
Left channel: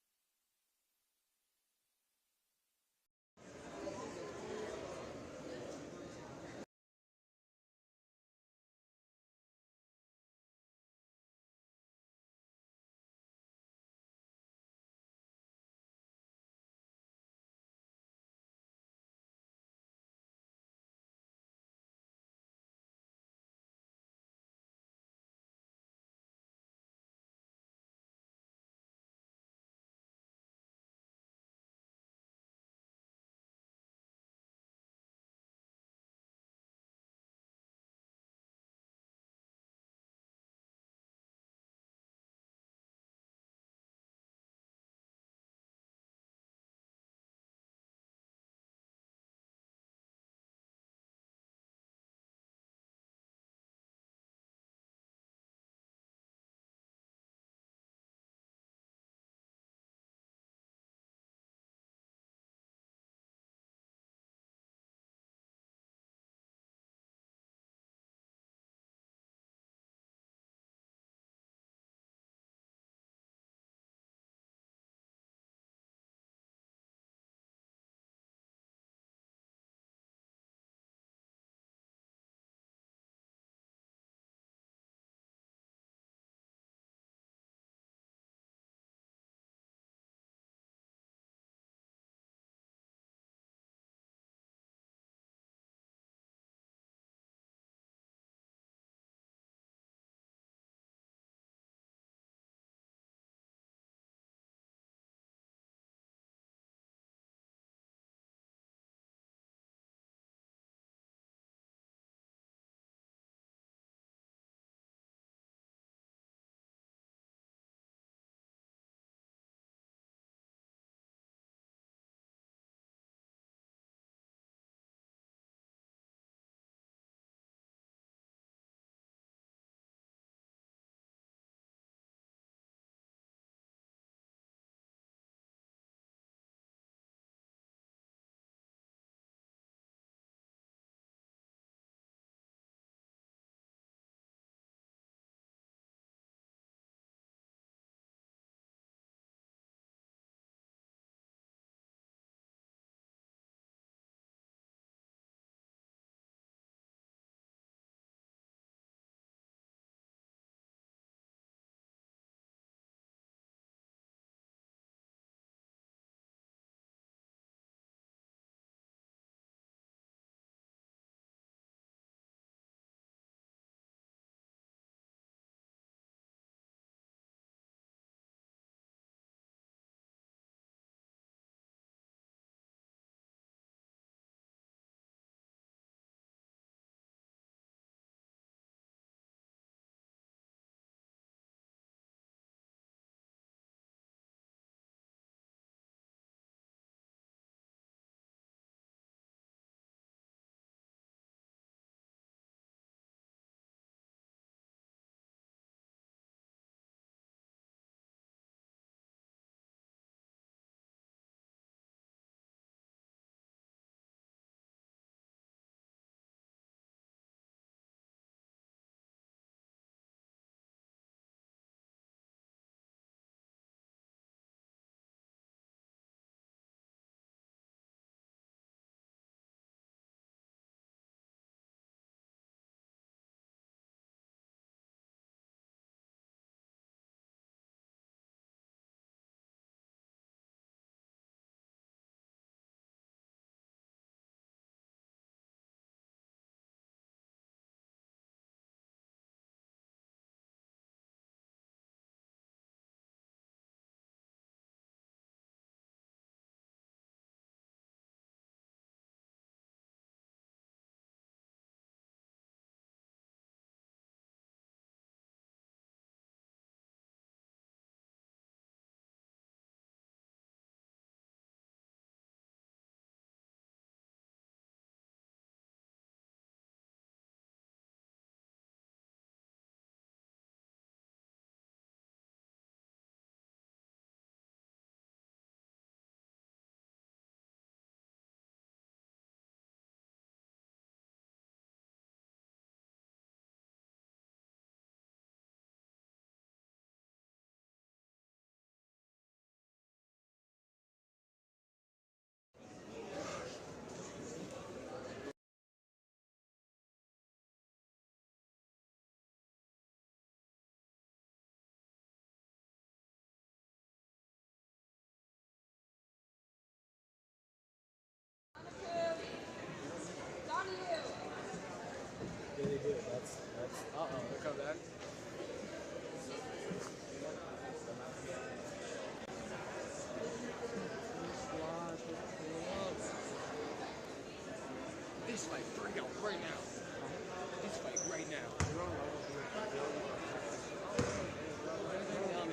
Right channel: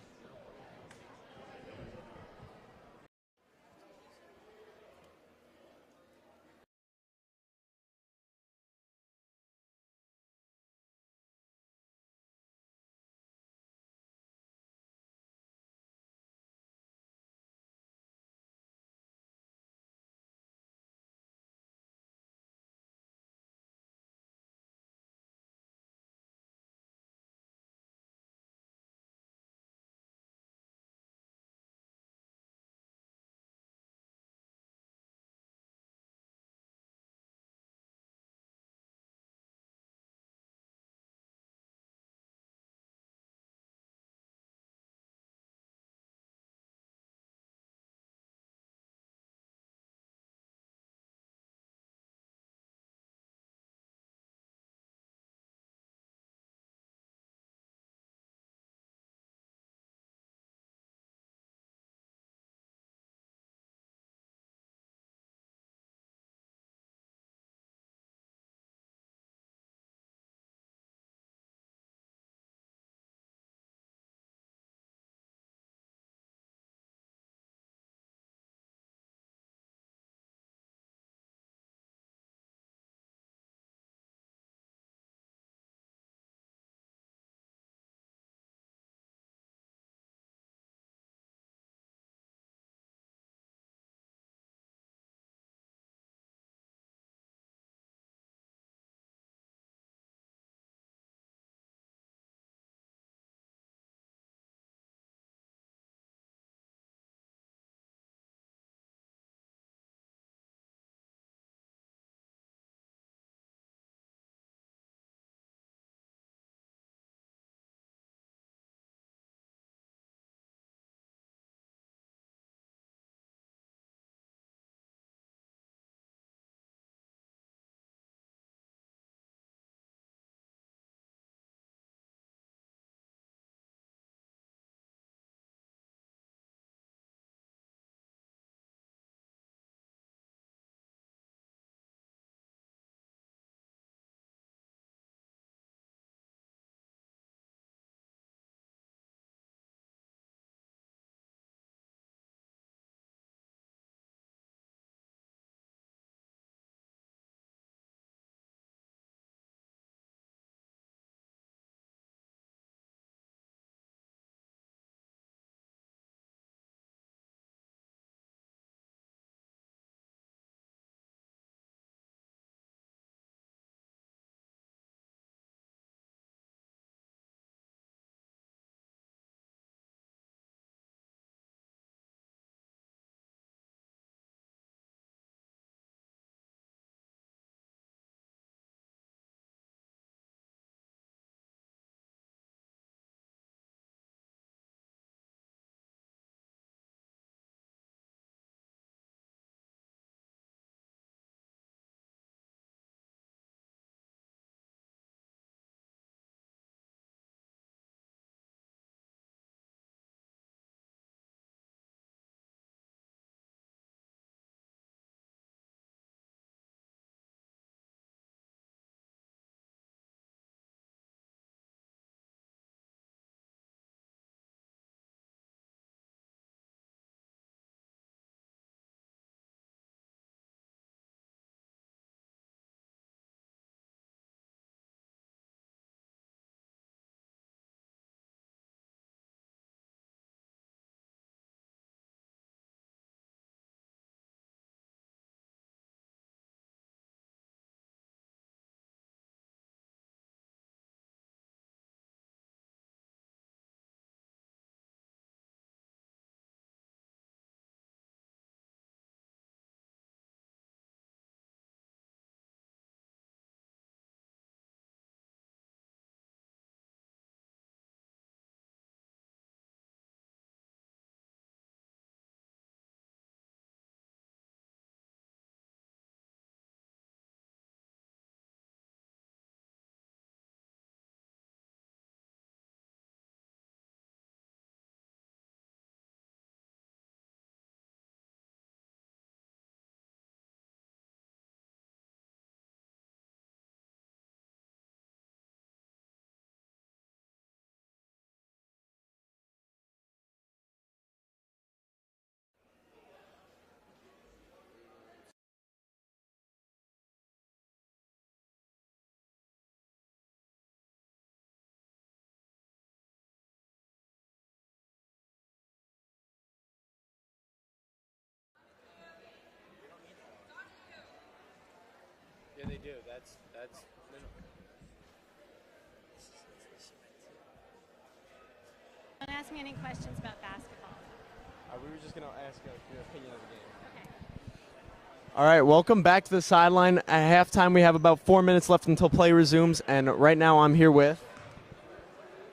All right, welcome back to the sideline. At halftime, we have about 4 minutes left until play resumes, and right now I'm here with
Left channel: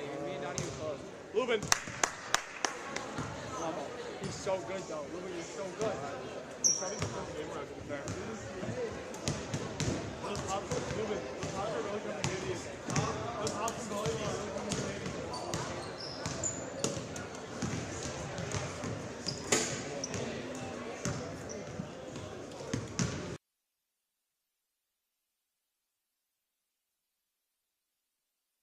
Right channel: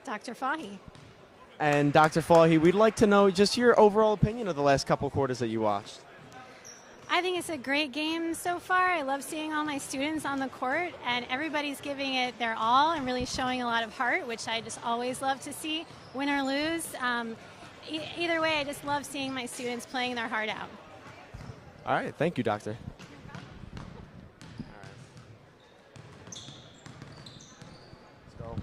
Dr. Fahy. and Dr. Fahy. We'd like to know just your overall opinion of the last couple quarters that you watched. I think it's a great game so far. I love seeing all my students on the court, and everybody's giving it their all and really showing a lot of heart, which I just always love to see, win or lose. Either way, I just love seeing my students playing their heart out. All right, thank you, Doctor. Let's go.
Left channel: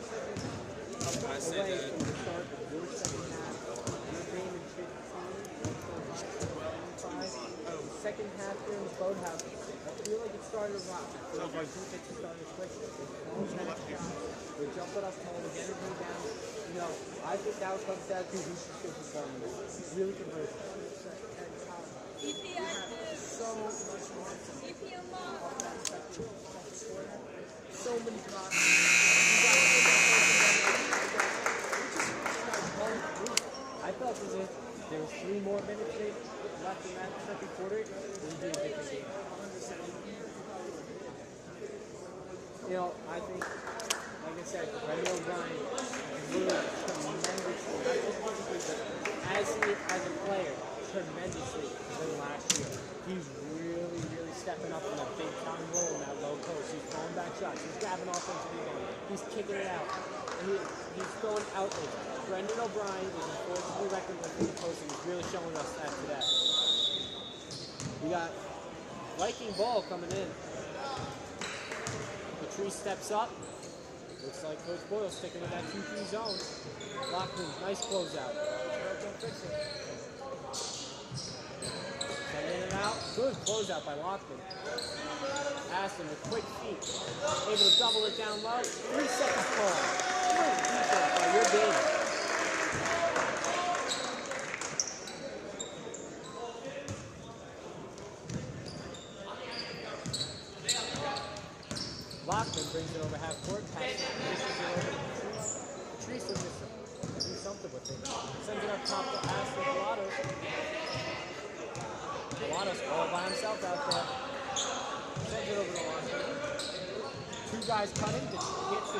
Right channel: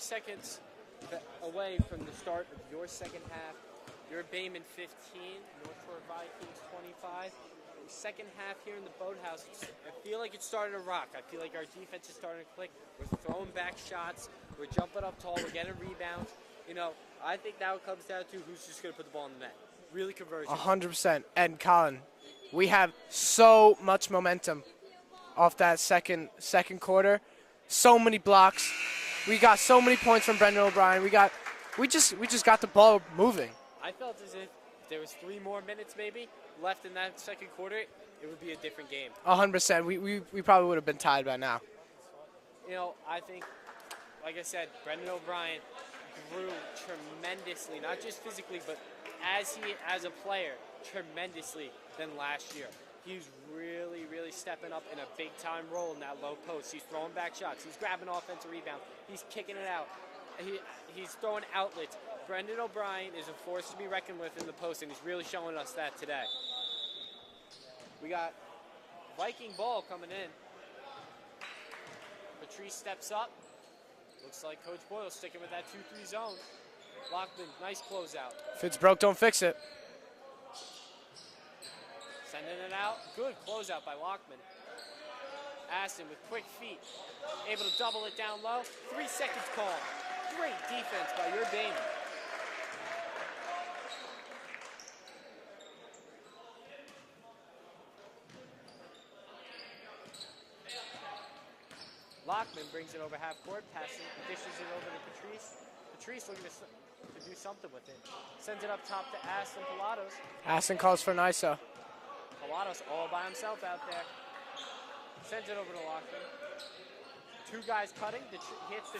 Seconds away from the start of your second half. Your game in 15, 5. Second half here in the boathouse. I feel like it started to rock. I feel like our defense started to click. Throwing back shots. We're jumping up tall. We're getting rebounds. You know, I think that comes down to who's just going to put the ball in the net. Really conversion. 100%. And Colin, we have so much momentum off that second quarter. So many blocks. We got so many points from Brendan O'Brien. We just got the ball moving. I felt as if there was 3 more minutes maybe left in that second quarter, it would be a different game. 100%. We probably would have been tied by now. You know, I think, like I said, Brendan O'Brien grew tremendously, not just physically, but as a player, tremendously than last year. He's really, really stepping up in a big-time role in that low post. He's throwing back shots. He's grabbing offensive rebounds. He's kicking it out. He's throwing outlets. Brendan O'Brien is a force to be reckoned with in the post, and he's really showing us that today. We got Viking ball coming in. Latrice steps up. Looks like Coach Boyle sticking with that 2-3 zone. Lockman, nice closeout. If it's broke, don't fix it. Sending it out. Good closeout by Lockman. Aston with quick feet. Able to double it down low. 3 seconds call. Great defense by your game. Lockman brings it over half court. Passes it over. Patrice will just do something with it. Sends it up top to Aston Pilatos. Aston calls for Nysa. Pilatos all by himself out there. Sends it over to Lockman. 2 guys cutting.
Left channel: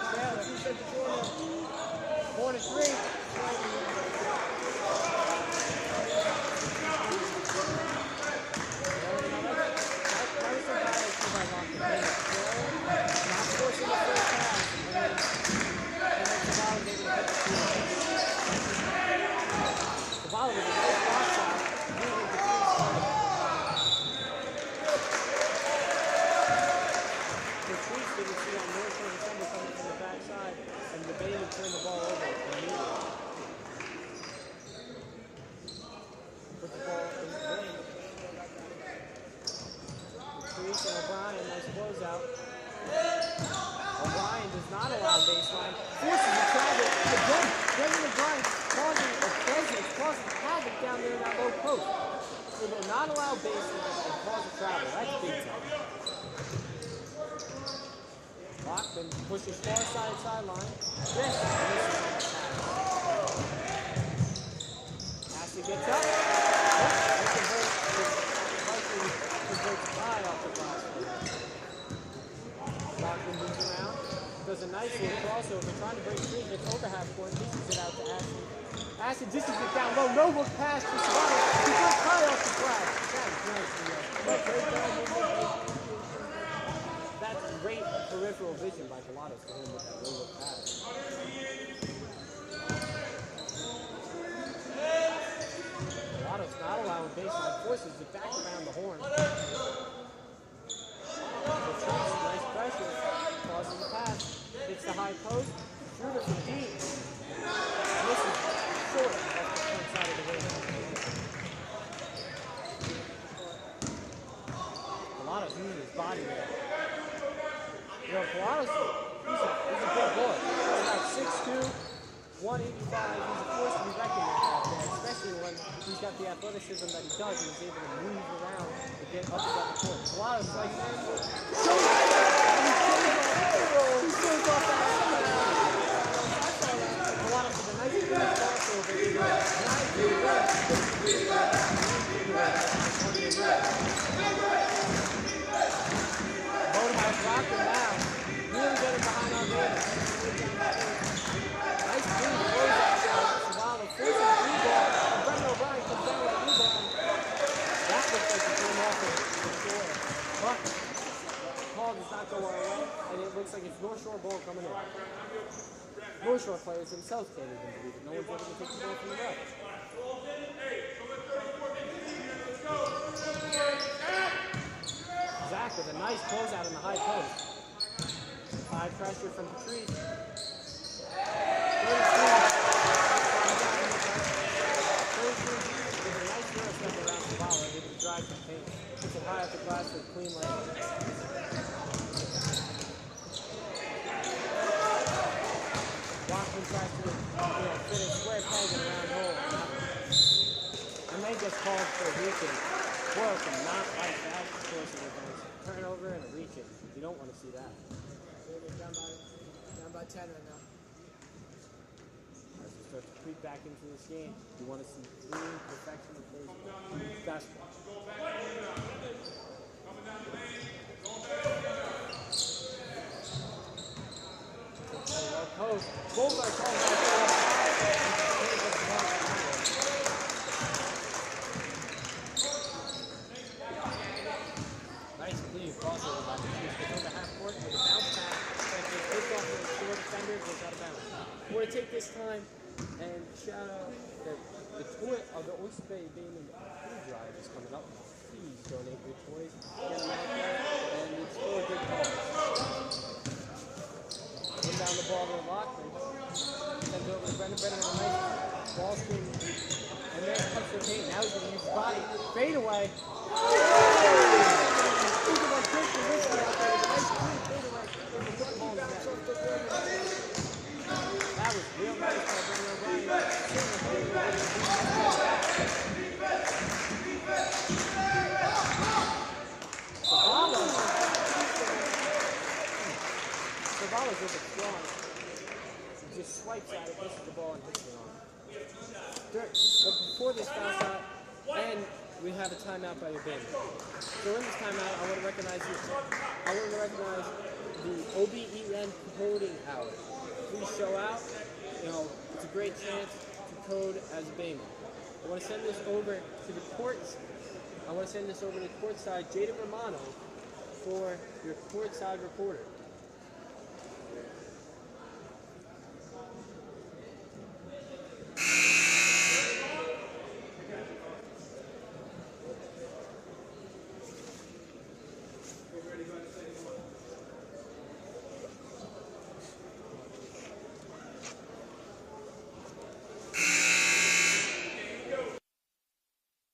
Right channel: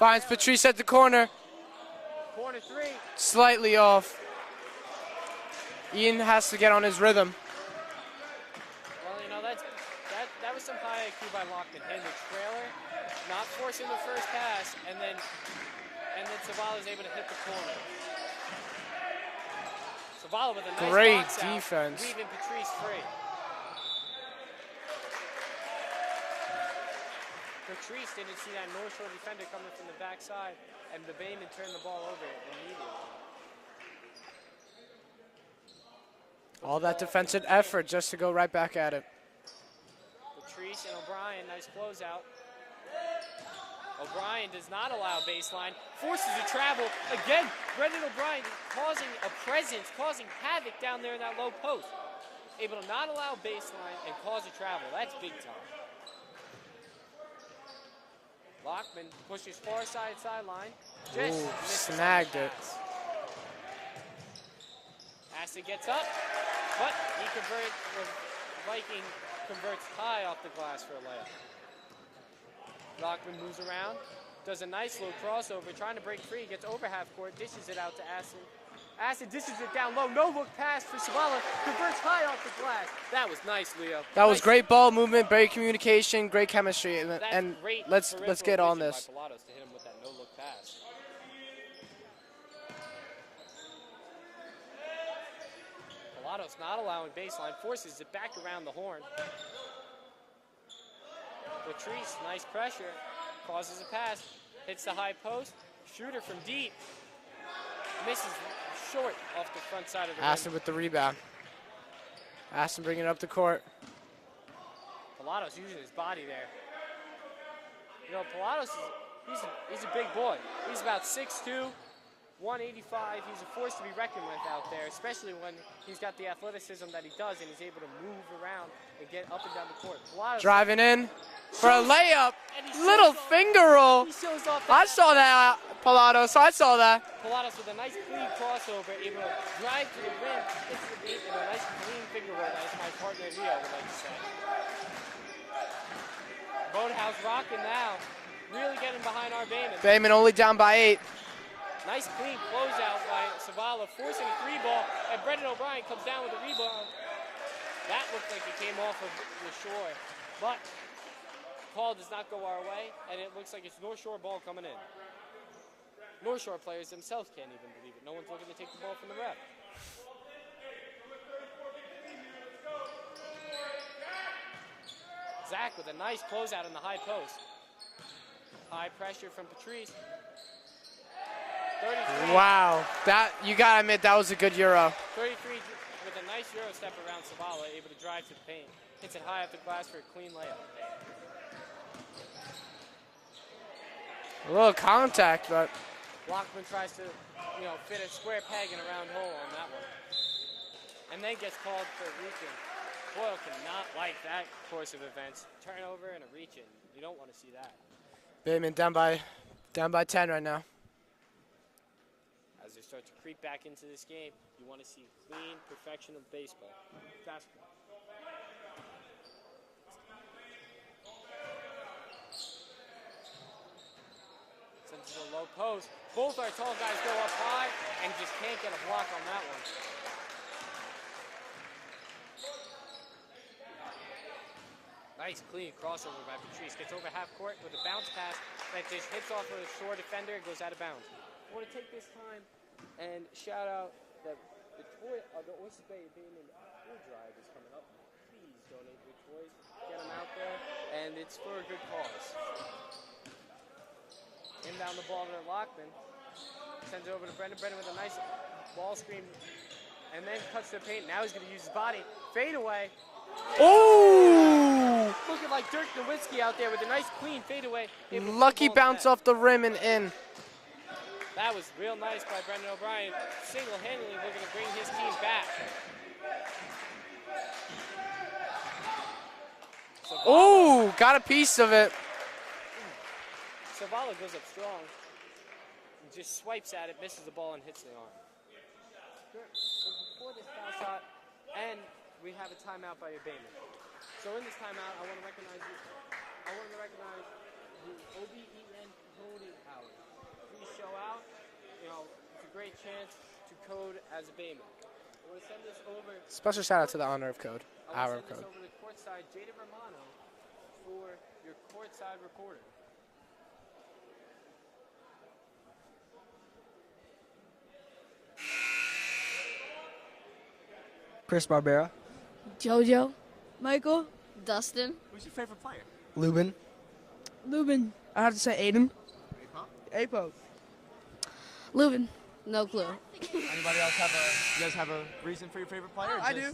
Finds Patrice at the corner. Corner 3. Slightly off. Ian has to get on his rhythm. Great defense. Patrice didn't see that North Shore defender coming from the backside, and the Bailey turned the ball over immediately. All that defensive effort just to go right back at it. Patrice and O'Brien, nice closeout. O'Brien does not allow baseline. Forces a travel. Again, Brendan O'Brien causing a presence, causing havoc down there in that low post. Able to not allow baseline and cause a travel. That's big time. Lockman pushes far sideline. Snagged it. Has to get up. But he converts high off the glass for that. Lockman moves around. Does a nice little crossover. Trying to break free. Gets over half court. Dishes it out to Aston. Aston dishes it down low. No look pass for Swallow. He got high off the glass. That was nice, Leo. That was great ball movement, great communication, great chemistry, and Great let's get on vision this. by Pilatos to him with that no look pass. Pilatos not allowing baseline. Forces it back around the horn. Patrice, nice pressure. Crosses the pass. Hits the high post. Shooter from deep. Misses short off the front side of the Aston with the rebound. Aston bringing it up the court. Pilatos using his body there. You know, Pilatos, he's a big boy. He's about 6'2", 185. He's a force to be reckoned with out there, especially when he's got the athleticism that he does and he's able to move around and get up and down the court. Pilatos, Driving in for a layup. Little finger roll. I saw that, Pilatos. I saw that. Pilatos with a nice crossover, able to drive through the rim. Bayman only down by 8. Nice clean closeout shot. Zavala forcing the 3-ball, and Brendan O'Brien comes down with the rebound. That looked like it came off the floor. But the call does not go our way, and it looks like it's North Shore ball coming in. North Shore players themselves can't even believe it. No one's ever going to take the ball from the ground. Zach with a nice closeout in the high post. High pressure from Patrice. Wow, that you gotta admit that was a good Euro. With a nice Euro step around Zavala, able to drive to the paint. Hits it high off the glass for a clean layup. A little contact, but Walkman tries to fit a square peg around move. And then gets called for a reach-in. Boyle cannot like that course of events. Turnover and a reach-in. You don't want to see that. Bayman down by 10 right now. As they start to creep back into this game, you want to see clean perfection of baseball. Basketball. Post. Both are called back up high. They get a plug on that one. Nice clean crossover by Patrice. Gets over half court with a bounce pass that gets hooked off of a short defender and goes out of bounds. I want to take this time and shout out that the tournament of the Oyster Bay Gaming food drive is coming up. Please donate your toys, get them out there, and it's for a good cause. Put down the ball. ball screen, and then touch the paint. Now he's going to use his body. Fade away. Oh! Looking like Dirk Nowitzki out there with a nice clean fade away. Lucky bounce off the rim and in. That was real nice by Brendan O'Brien. Single-handedly bring this team back. Oh, got a piece of it. Savala's looking strong. He just swipes at it, misses the ball, and hits it on. Dirk, but before this foul shot, and we have a timeout by your band. So in this timeout, I want to recognize you. I want to recognize the OBEN coding hour. Please show out. You know, it's a great chance to code as a Bayman. I want to send this over. Special shout out to the honor of code. I want to send this over to courtside Jaden Romano for your courtside reporter. Chris Barbera. Jojo. Michael. Dustin. Who's your favorite player? Lubin. Lubin. I have to say Aiden. Apo. Lubin. No clue. You guys have a reason for your favorite player? I do.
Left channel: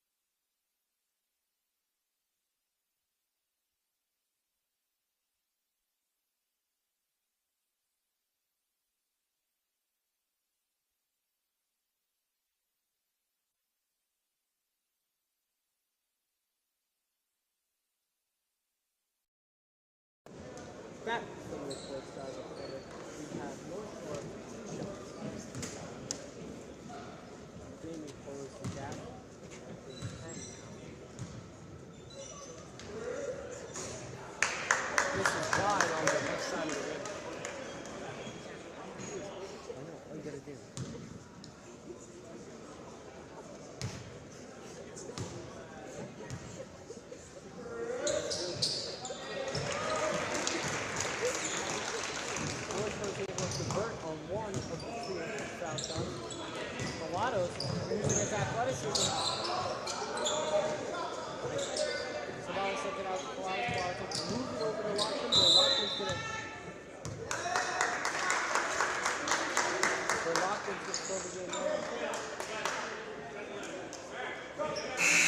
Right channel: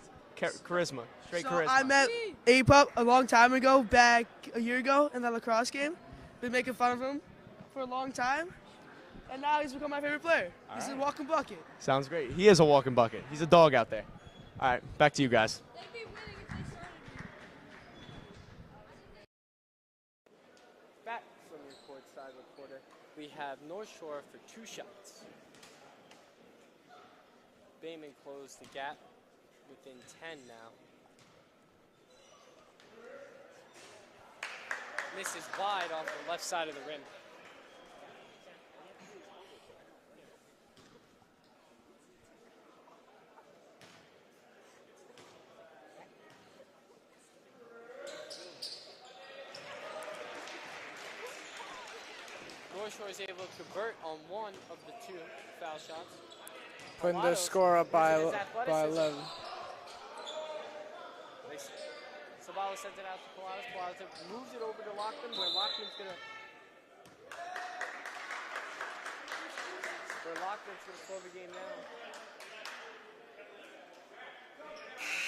Charisma. Straight So charisma. I met Apo a long time ago, back a year ago in that lacrosse game. Been making fun of him for a long time. And now he's become my favorite player. He's a walking bucket. Sounds great. He is a walking bucket. He's a dog out there. All right, back to you guys. Back from the courtside reporter, we have North Shore for 2 shots. Bayman closed the gap within 10 now. This is wide on the left side of the rim. I know, all you gotta do. Putting the score up by 11. Zavala sent it out to Pilates. Move it over to Lockman, where Lockman's going to...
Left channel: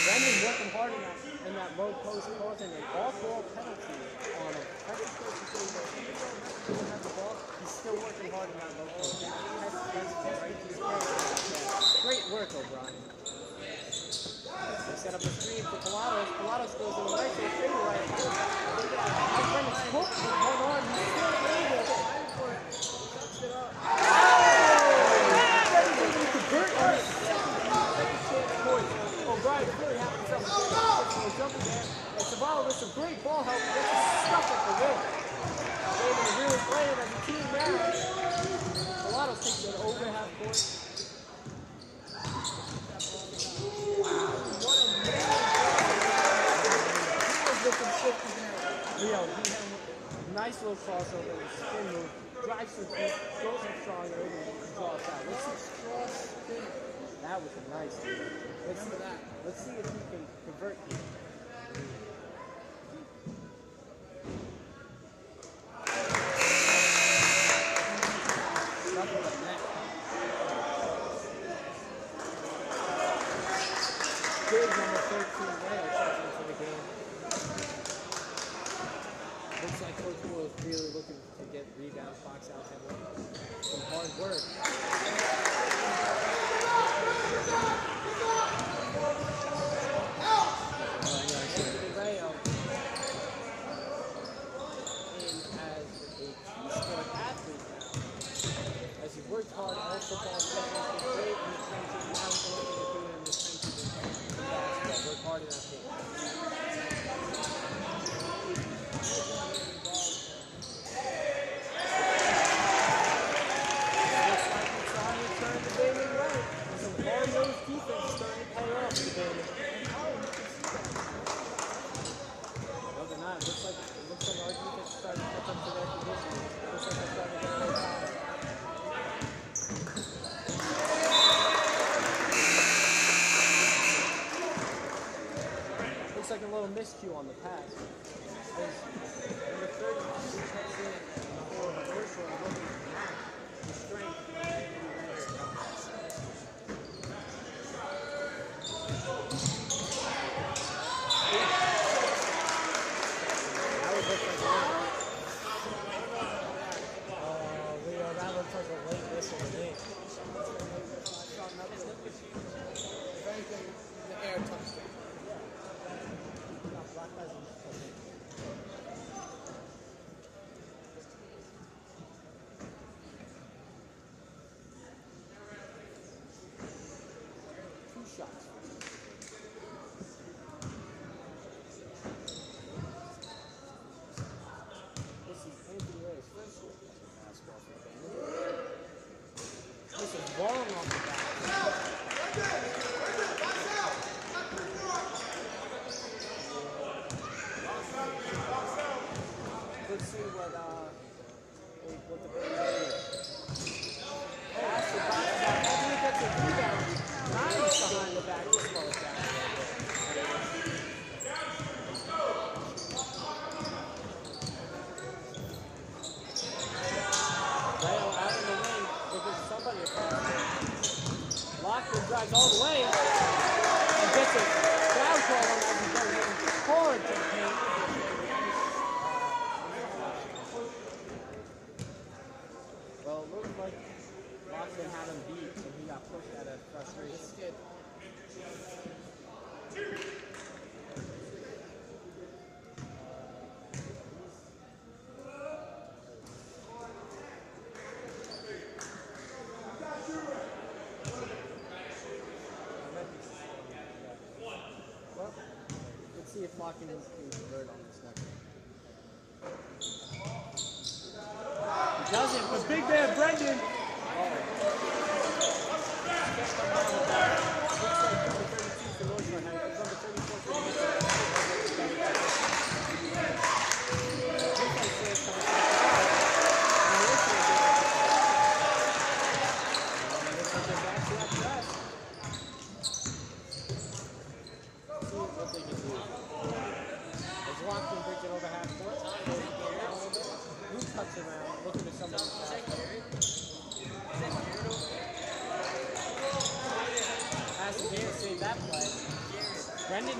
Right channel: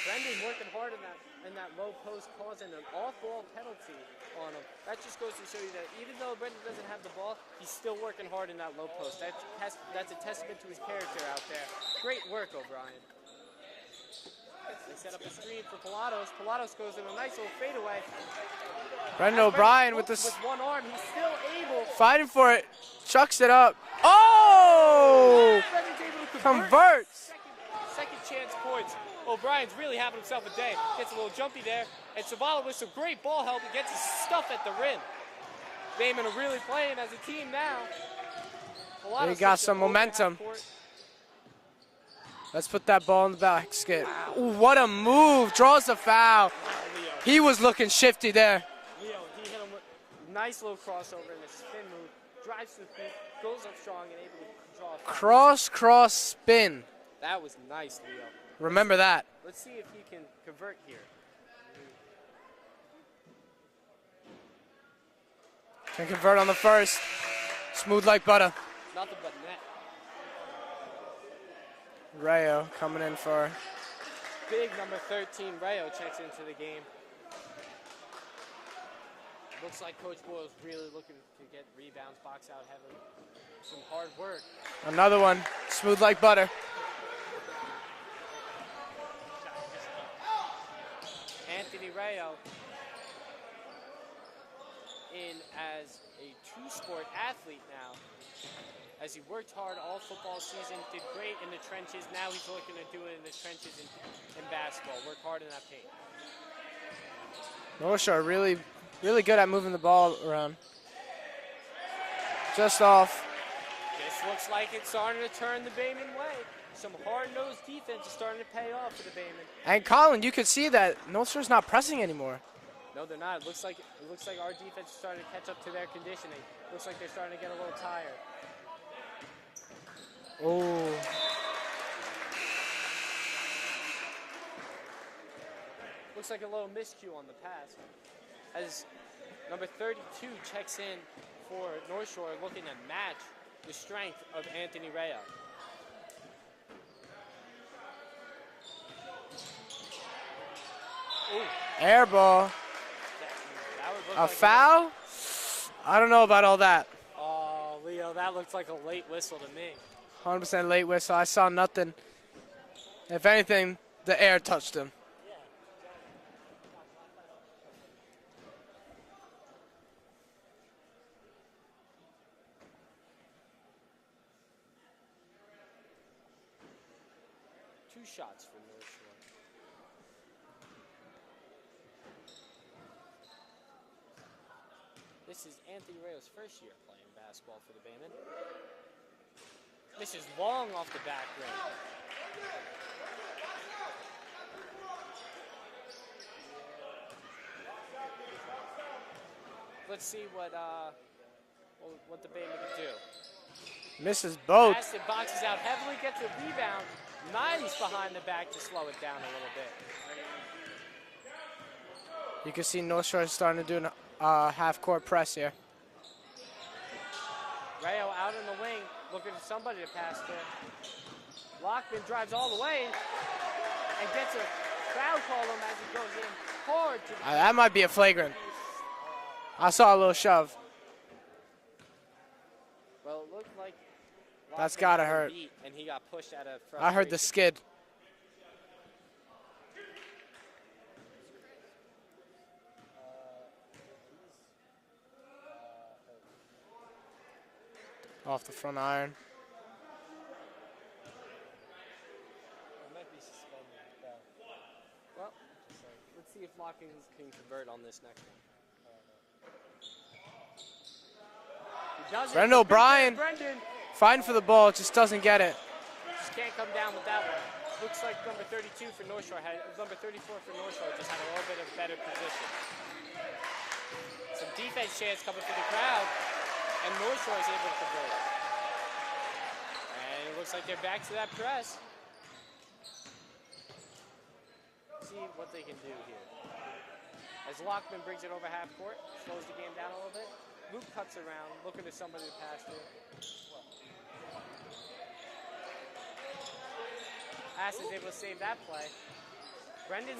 Brendan's working hard in that low post, causing an off-ball penalty on him. That is supposed to say, even though Brendan doesn't have the ball, he's still working hard in that low post. That's a testament to his character out there. Great work, O'Brien. They set up a screen for Pilatos. Pilatos goes in a nice little fadeaway. Brendan O'Brien with this, One arm, he's still able. fighting for it. Chucks it up. Oh! Convert. Second chance points. O'Brien's really having himself a day. Gets a little jumpy there. And Zavala with some great ball help gets his stuff at the rim. Bayman are really playing as a team now. They got some momentum. Let's put that ball in the basket. Ooh, what a move. Draws the foul. He was looking shifty there. Leo, he had a nice little crossover with spin move. Drives to the paint, throws him strong, and able to draw a foul. Cross, spin. That was a nice deal. Remember that. Let's see if he can convert here. And convert on the first. Smooth like butter. Nothing but net. Rayo coming in for... Big number 13, Rayo checks into the game. Looks like Coach Boyle is really looking to get rebounds, box out heavily. Some hard work. Another one. Smooth like butter. Anthony Rayo in as a key-sport athlete now. As he worked hard all football season, did great in the trenches. Now he's looking to do it in the trenches in basketball. Work hard in that paint. North Shore really good at moving the ball around. Just off. Looks like it's starting to turn the Bayman way. Some hard-nosed defense is starting to pay off for the Bayman. And Colin, you could see that North Shore's not pressing anymore. No, they're not. It looks like our defense is starting to catch up to their conditioning. It looks like they're starting to get a little tired. Looks like a little miscue on the pass. As number 32 checks in for North Shore, looking to match the strength of Anthony Reyes. foul? I don't know about all that. Oh, Leo, that looks like a late whistle to me. 100% late whistle. I saw nothing. If anything, the air touched him. Long off the back. Let's see what the big This is both. Pass the boxes out. After he gets the rebound, nice behind the back to slow it down a little bit. You can see North Shore is starting to do a half-court press here. Rayo out in the wing, looking for somebody to pass to. Lockman drives all the way. And gets a foul call on hard. That might be a flagrant. I saw a little shove. Well, it looked like That's gotta hurt. and he got pushed out of I heard the skid. Off the front iron. Well, let's see if Lockman can convert on this next one. Brendan O'Brien fighting for the ball, just doesn't get it. Can't come down with that. Looks like number 32 for North Shore had number 34 for North Shore. Defense chance coming from the crowd. And North Shore is looks like they're back to that press. See what they can do. As Lockman brings it over half court, down a little bit. Luke cuts around, looking for somebody to pass. Pasadena saved that play.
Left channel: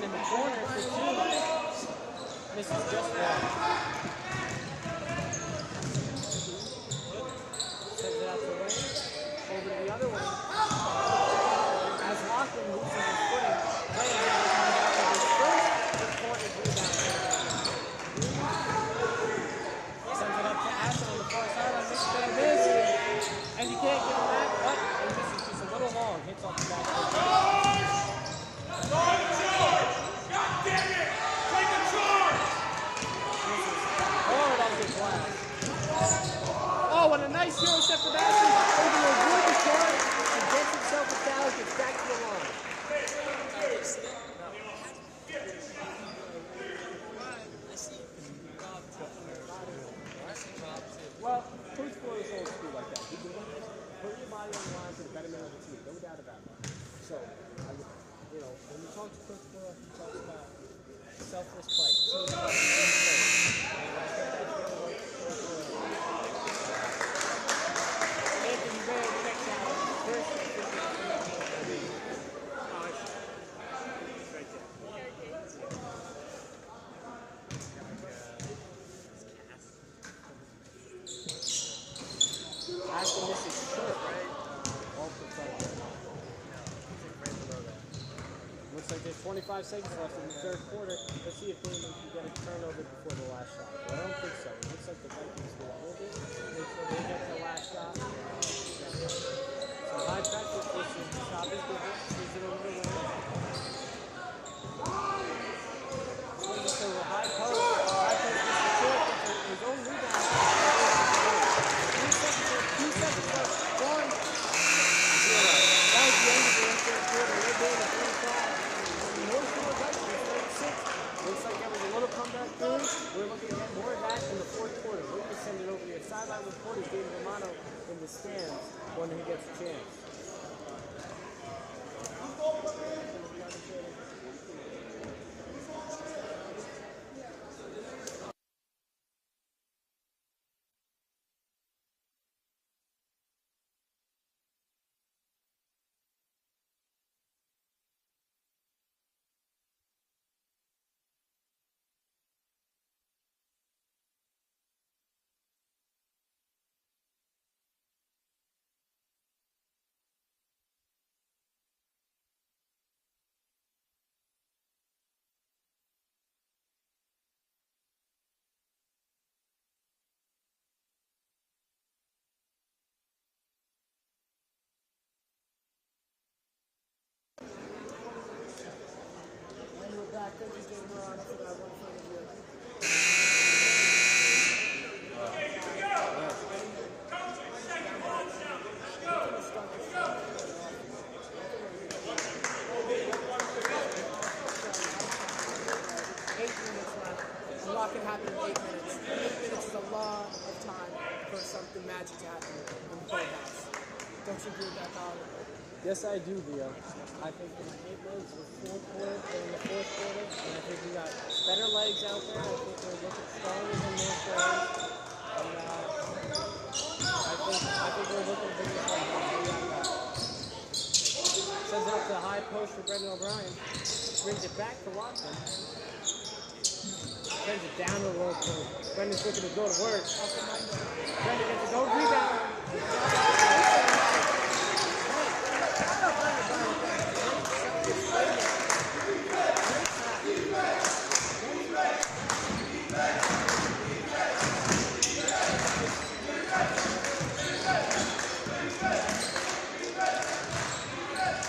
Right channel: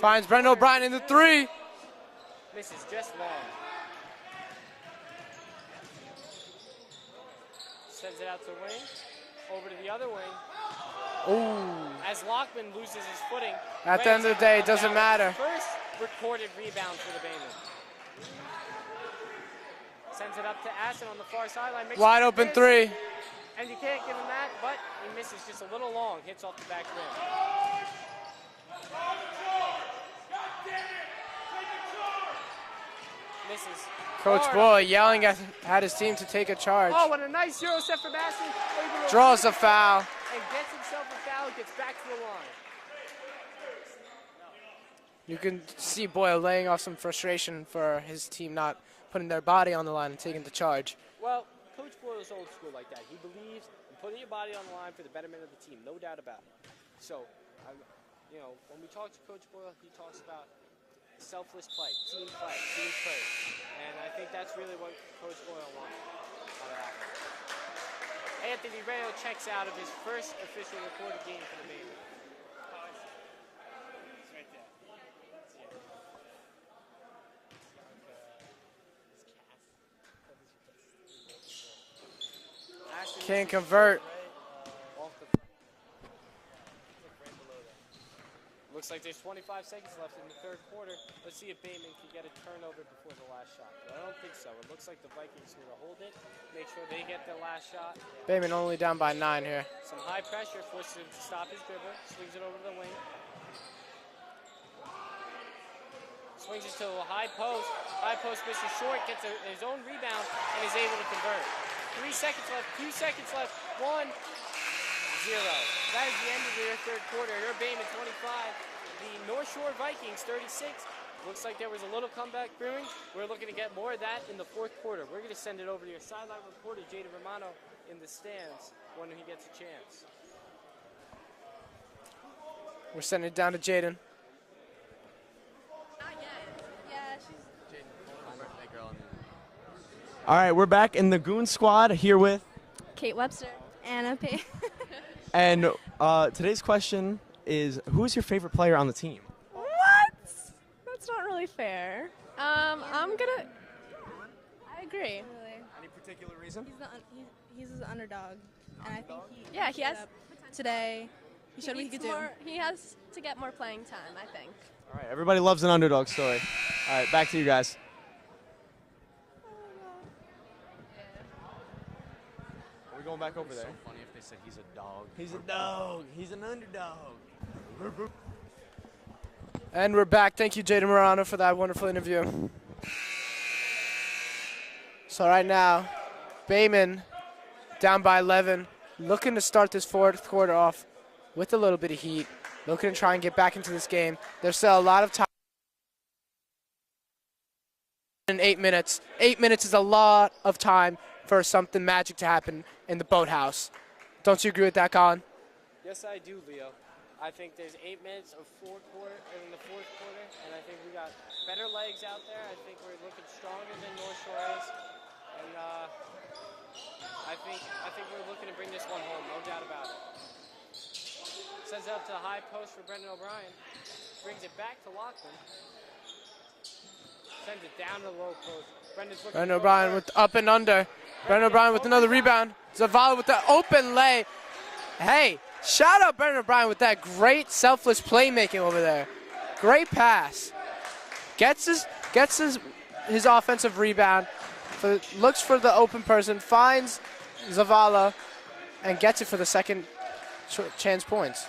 Finds Brendan O'Brien in the three. This is just one. Sends it out to the wing. Over to the other wing. As Lockman loses his footing. At the end of the day, it doesn't matter. Recorded rebound. Sends it up to Aston on the far sideline. Wide open three. And you can't get it back, but this is just a little long. Hits off the back. Coach Boy yelling at his team to take a charge. Oh, what a nice zero step for Aston. Draws a foul. And gets himself a foul, gets back to the line. You can see Boyle laying off some frustration for his team not putting their body on the line and taking the charge. Well, Coach Boyle is old school like that. He believes putting your body on the line for the betterment of the team, no doubt about it. So, you know, when we talk to Coach Boyle, he talks about selfless play, team play, team play. And I think that's really what Coach Boyle Anthony Ray checks out of his first Can't convert. Looks like there's 25 seconds left in the third quarter. Let's see if Damon can get a turnover before the last shot. Well, I don't think so. Looks like the Vikings will hold it. They get the last shot. Bayman only down by 9 here. So high pressure pushes to stop his movement. Swings it over the wing. Swings it to a high post. High post is short. Gets his own rebound. 3 seconds left. 2 seconds left. 1. That was the end of the third quarter. They're Bayman 25. North Shore Vikings 36. Looks like there was a little comeback brewing. We're looking to get more of that in the fourth quarter. We're going to send it over to your sideline reporter, Jaden Romano, in the stands when he gets a chance. We're sending it down to Jaden. All right, we're back in the Goon Squad here with, Kate Webster. Anna P. and today's question is, who's your favorite player on the team? What? That's not really fair. I'm gonna. particular reason? He's the underdog, and I think Yeah, he has today. He showed what he could do. He has to get more playing time, I think. All right, everybody loves an underdog story. All right, back to you guys. We're going back over there. So funny if they said he's a dog. He's a dog. He's an underdog. And we're back. Thank you, Jaden Morano, for that wonderful interview. So right now, Bayman down by 11, looking to start this fourth quarter off with a little bit of heat, looking to try and get back into this game. There's still a lot of time. 8 minutes left. A lot can happen in 8 minutes. 8 minutes is a lot of time for something magic to happen in the boathouse. Don't you agree with that, Colin? Yes, I do, Leo. I think there's 8 minutes of full quarter in the fourth quarter, and I think we got better legs out there. I think they're looking stronger than their shoulders. I think we're looking to bring this one home. Sends it out to the high post for Brendan O'Brien. Brings it back to Lockman. Sends it down to the low post. Brendan O'Brien with up and under. Brendan O'Brien with another rebound. Zavala with the open leg. Hey, shout out Brendan O'Brien with that great selfless playmaking over there. Great pass. Gets his offensive rebound. Looks for the open person. Finds Zavala and gets it for the second chance points.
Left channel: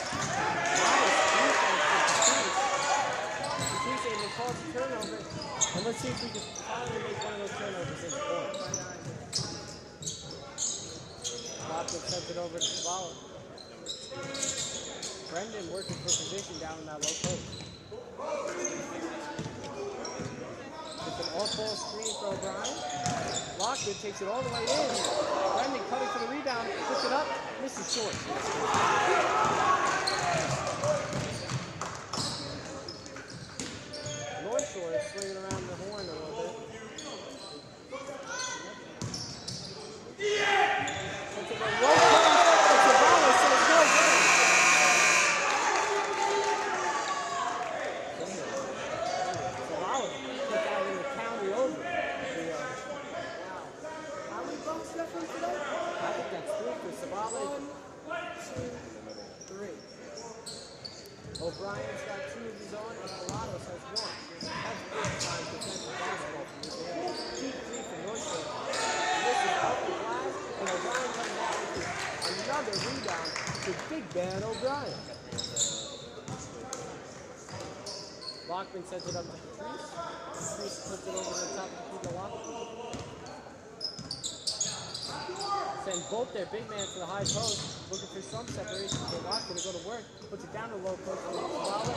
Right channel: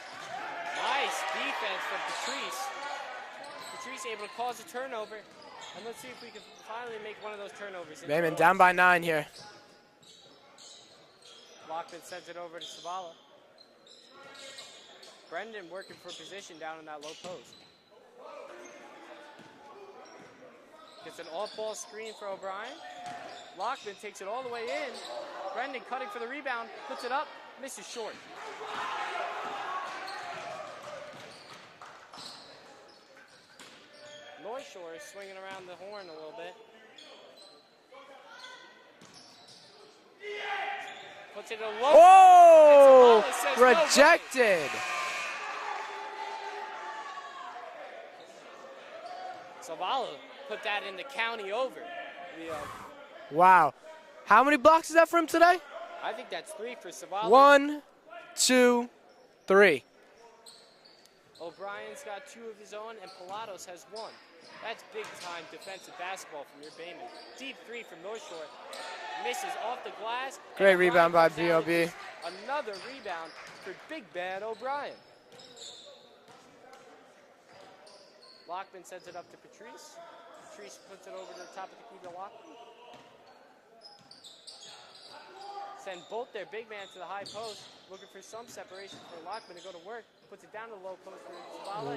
And let's see if we can finally make one of those turnovers. Bayman down by 9 here. Lockman sends it over to Zavala. Brendan working for position down in that low post. It's an all-ball screen for O'Brien. Lockman takes it all the way in. Brendan cutting for the rebound, puts it up, misses short. North Shore is swinging around the horn a little bit. Oh! Rejected. Put that in the county over. Wow. How many blocks is that for him today? I think that's 3 for Zavala. 1, 2, 3. O'Brien's got 2 of his own, and Pilatos has 1. That's big time defensive basketball from Baby. Deep 3 for North Shore. This is off the glass. Great rebound by B.O.B. Another rebound to Big Bad O'Brien. Lockman sends it up to Patrice. Patrice puts it over the top of the lock. Send both their big man to the high post, looking for some separation for Lockman to go to work. Puts it down to the low post for Zavala.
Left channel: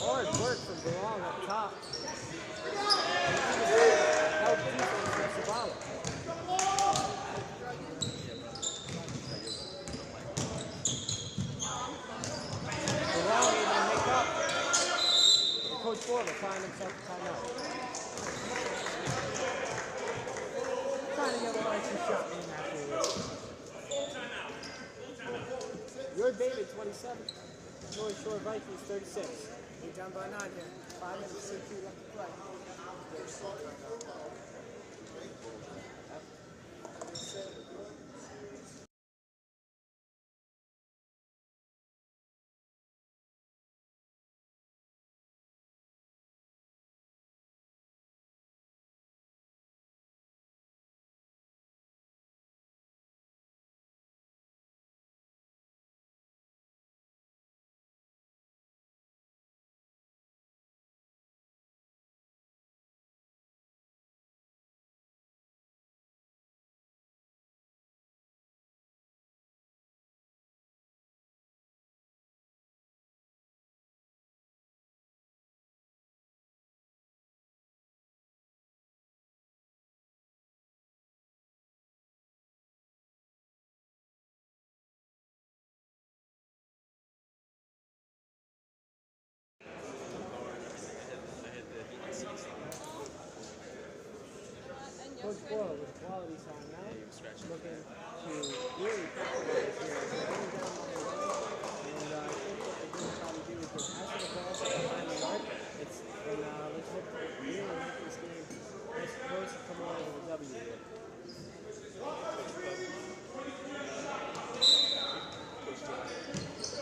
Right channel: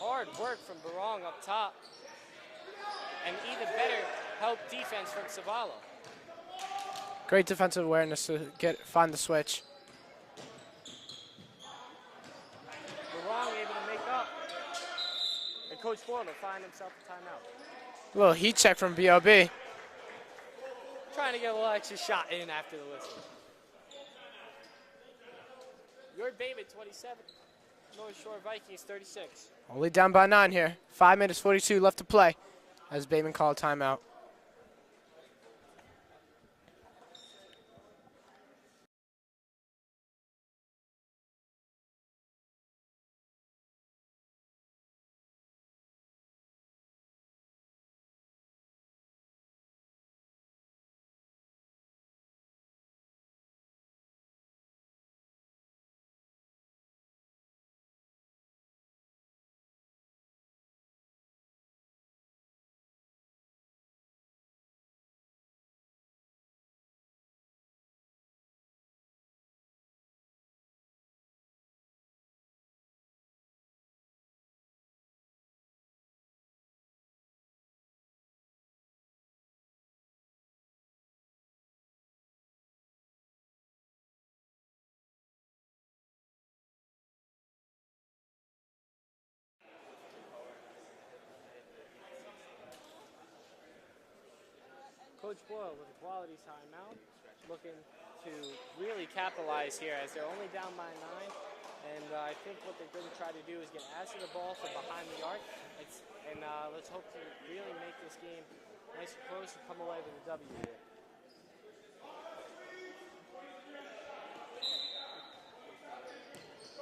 Hard work from Barong up top. Help defense from Zavala. Great defensive awareness to find the switch. Coach Ford will find himself a timeout. A little heat check from B.O.B. Trying to get a little extra shot in afterwards. Your baby 27. North Shore Vikings 36. Only down by 9 here. 5 minutes 42 left to play as Bayman called timeout.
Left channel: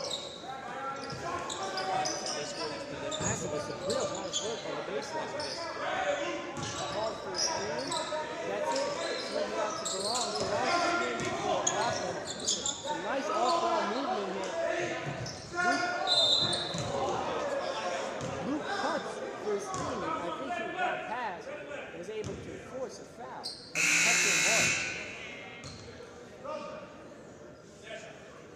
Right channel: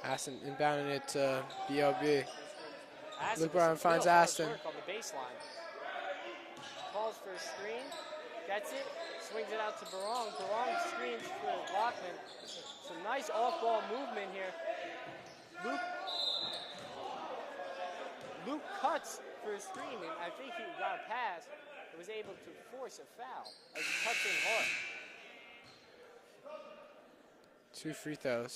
Aston rebounding it to EOB. LeBron finds Aston. That's it. Swings it out to Barone. Nice off-ball movement here. Luke cuts for his team. I think he got past and was able to force a foul. 2 free throws.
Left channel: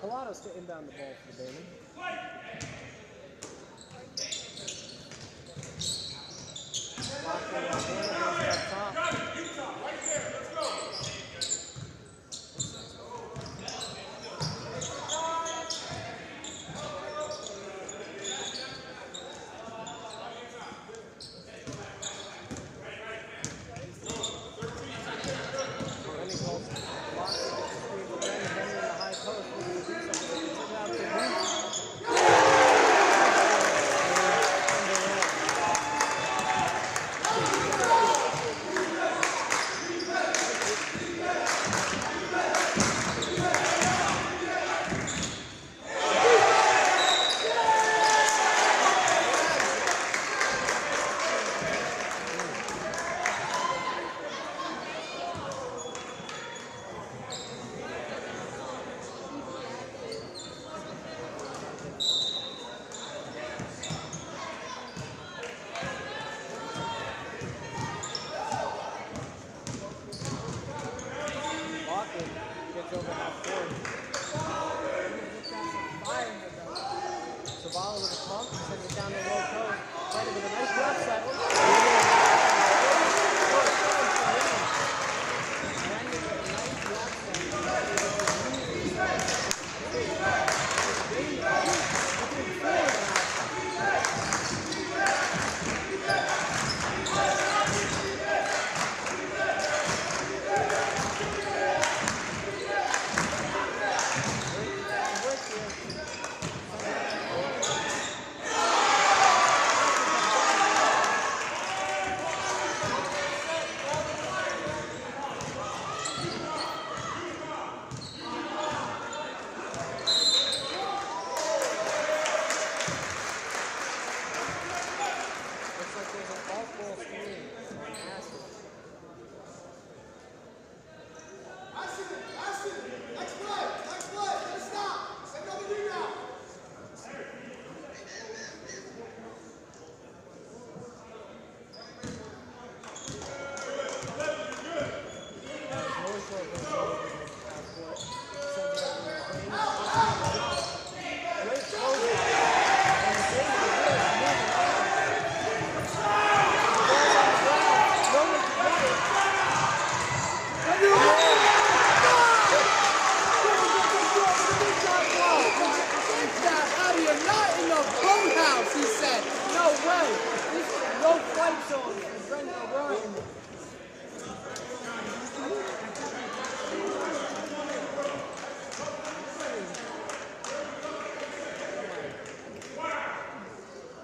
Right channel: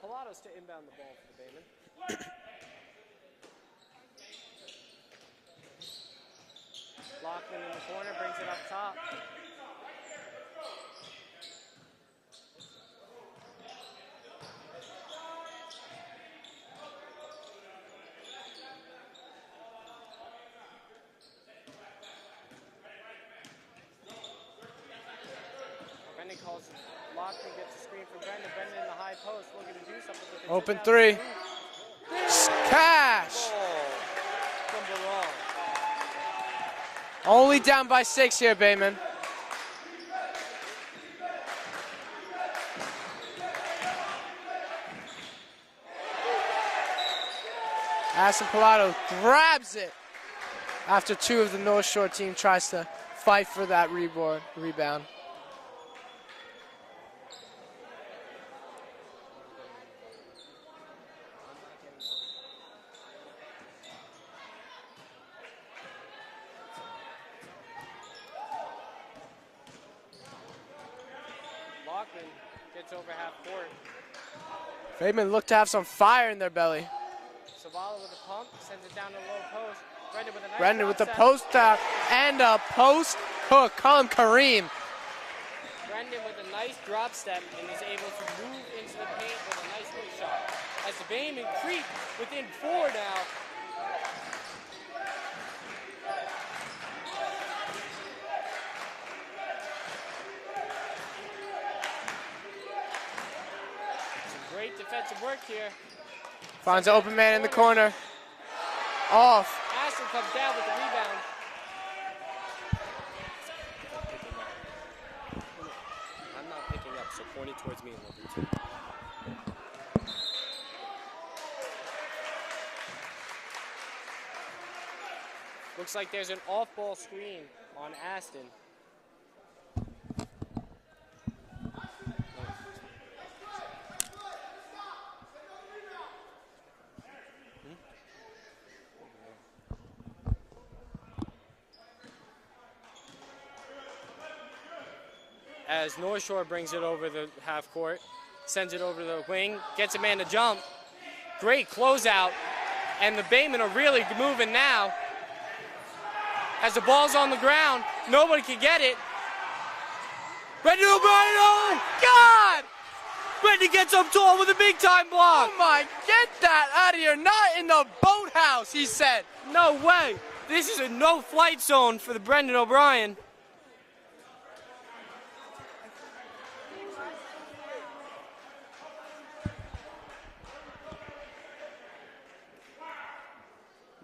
Pilatos to inbound the ball for Bailey. Open three. Only down by 6 here, Bayman. Aston Pilato grabs it after 2 of the North Shore team tries to fight for that rebound. Bayman look to have some fire in their belly. Brendan with the post back and a post hook. Call him Kareem. Brendan with a nice drop step and was able to move as Bailey within 4 now. Great defensive work here. Finds an open man in the corner. Oh. Looks like there's an off-ball screen on Aston. As North Shore brings it over the half court, sends it over the wing, gets a man to jump. Great closeout, and the Baymen are really moving now. As the ball's on the ground, nobody can get it. Brendan O'Brien, oh God! Brendan gets up tall with a big time block. Oh my, get that out of here. Not in the boathouse, he said. No way. This is a no-flight zone for the Brendan O'Brien.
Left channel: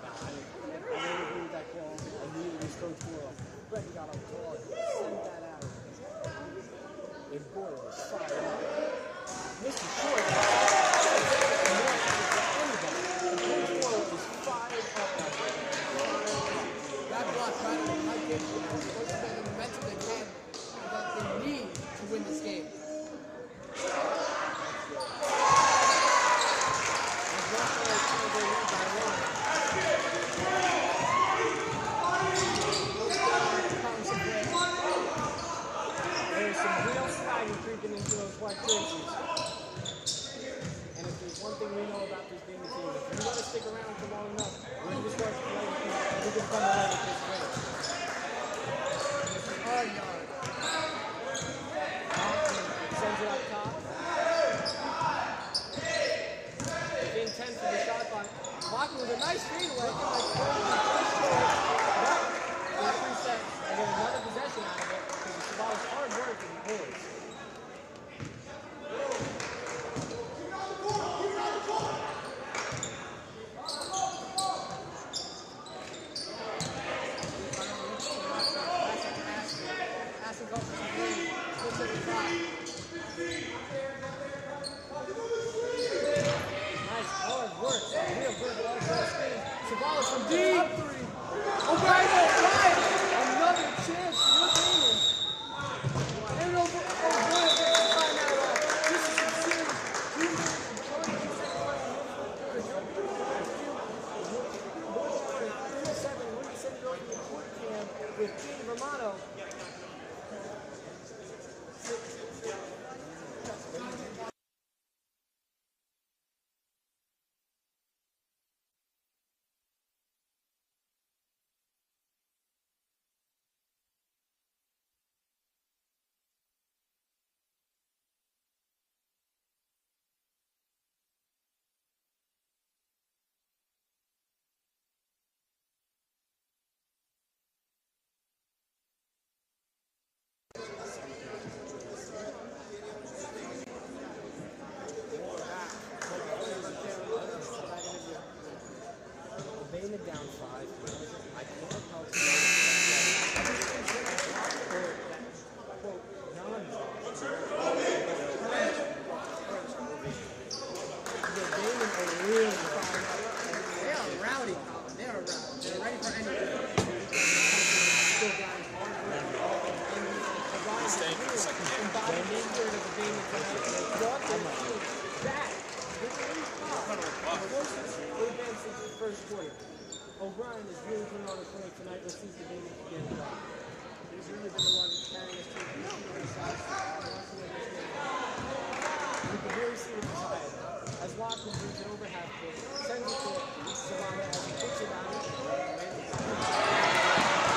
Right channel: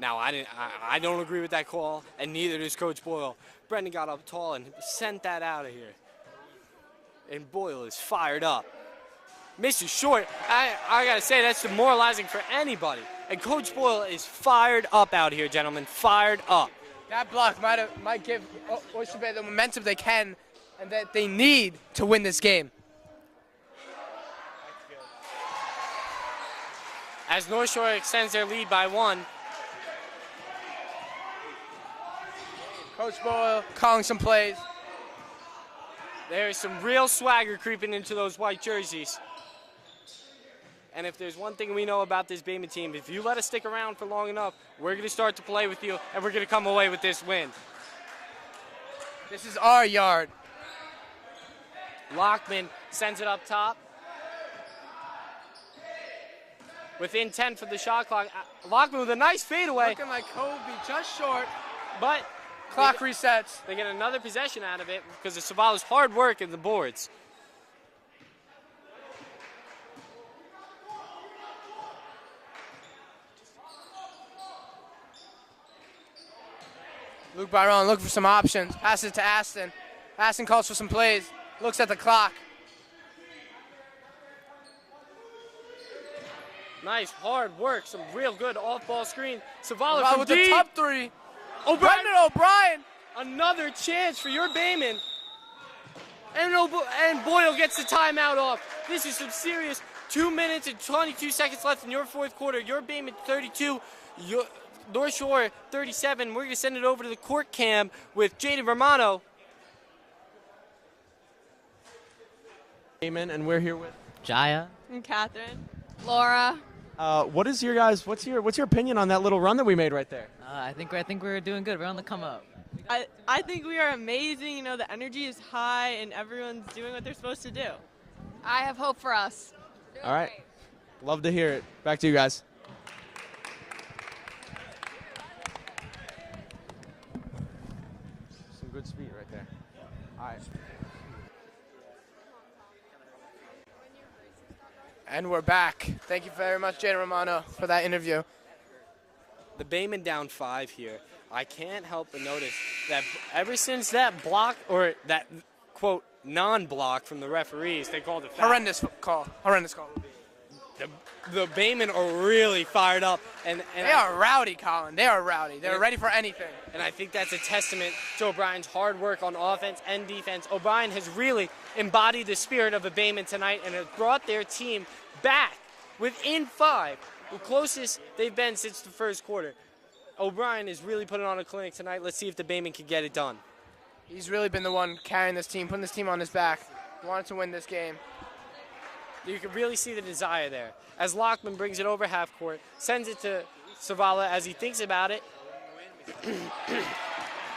Now, I don't agree with that call, and neither does Coach Boyle. Brendan got up tall and sent that out of here. And Boyle is fired up. Mr. Short, I gotta say, that's demoralizing for anybody. And Coach Boyle is fired up out here, gentlemen, fired up. That block might give Oyster Bay the momentum they can and that they need to win this game. As North Shore extends their lead by 1. Coach Boyle calling some plays. There's some real swagger creeping into those white jerseys. And if there's one thing we know about this Bayman team, if you let us stick around for long enough, we're going to start to play with you, and we're going to come away with this win. This is our yard. Lockman sends it up top. Within 10 from the shot clock. Lockman with a nice fadeaway. But clock resets. They get another possession out of it because of Savala's hard work in the boards. Luke Byron looks for some options. Passes to Aston. Aston calls for some plays. Looks at the clock. Nice hard work. Some real good off-ball screen. Zavala Wow, from with deep. the top three. O'Brien. Another chance for your Bayman. And Boyle gets the timeout off. This is some serious 2 minutes and 22 seconds left in your fourth quarter. Your Bayman 32, North Shore 37. We're going to send it over to the court cam with Jaden Romano. Amen, and we're here with Jaya. And Catherine. Laura. what's your opinion on that little run that we made right there? I think we're doing good. We're on the come up. I think we are amazing. You know, the energy is high and everyone's doing what they're supposed to do. I have hope for us. All right. Love to hear it. Back to you guys. Some good speed right there. All right. And we're back. Thank you very much, Jaden Romano, for that interview. The Bayman down 5 here. I can't help but notice that ever since that block, or that, quote, non-block from the referees, they called it Horrendous call. Horrendous call. The Bayman are really fired up. And They are rowdy, Colin. They are rowdy. They're ready for anything. And I think that's a testament to O'Brien's hard work on offense and defense. O'Brien has really embodied the spirit of the Bayman tonight and has brought their team back within 5, the closest they've been since the first quarter. O'Brien is really putting on a clinic tonight. Let's see if the Bayman can get it done. He's really been the one carrying this team, putting this team on his back. Wants to win this game. You can really see the desire there. As Lockman brings it over half court, sends it to Zavala as he thinks about it.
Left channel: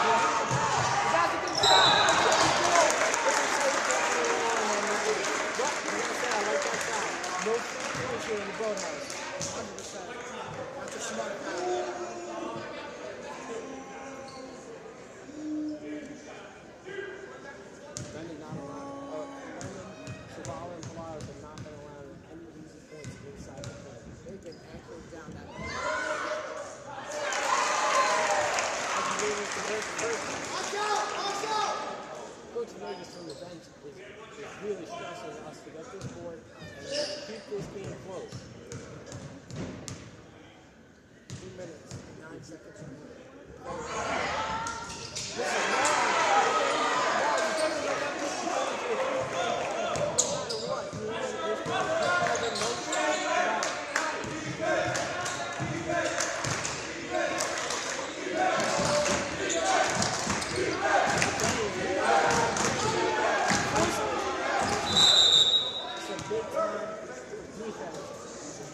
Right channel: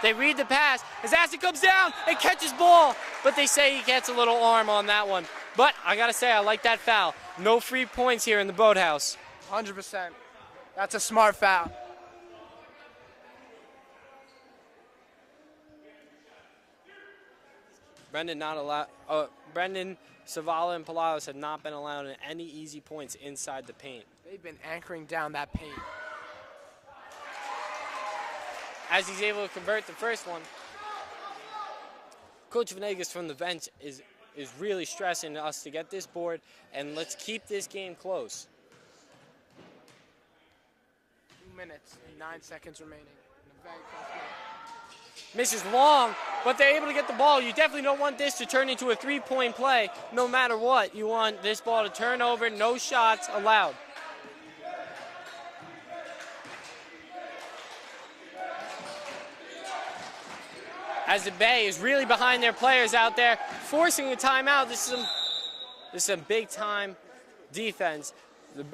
They read the pass. As Aston comes down and catches ball, but they say he gets a little arm on that one. But I gotta say, I like that foul. No free points here in the Boathouse. 100%. That's a smart foul. Brendan, Zavala, and Palaos have not been allowed any easy points inside the paint. They've been anchoring down that paint. As he's able to convert the first one. Coach Venegas from the bench is really stressing us to get this board, and let's keep this game close. 2 minutes and 9 seconds remaining. Misses long, but they're able to get the ball. You definitely don't want this to turn into a three-point play. No matter what, you want this ball to turn over, no shots allowed. As the Bay is really behind their players out there, forcing the timeout. This is a big-time defense.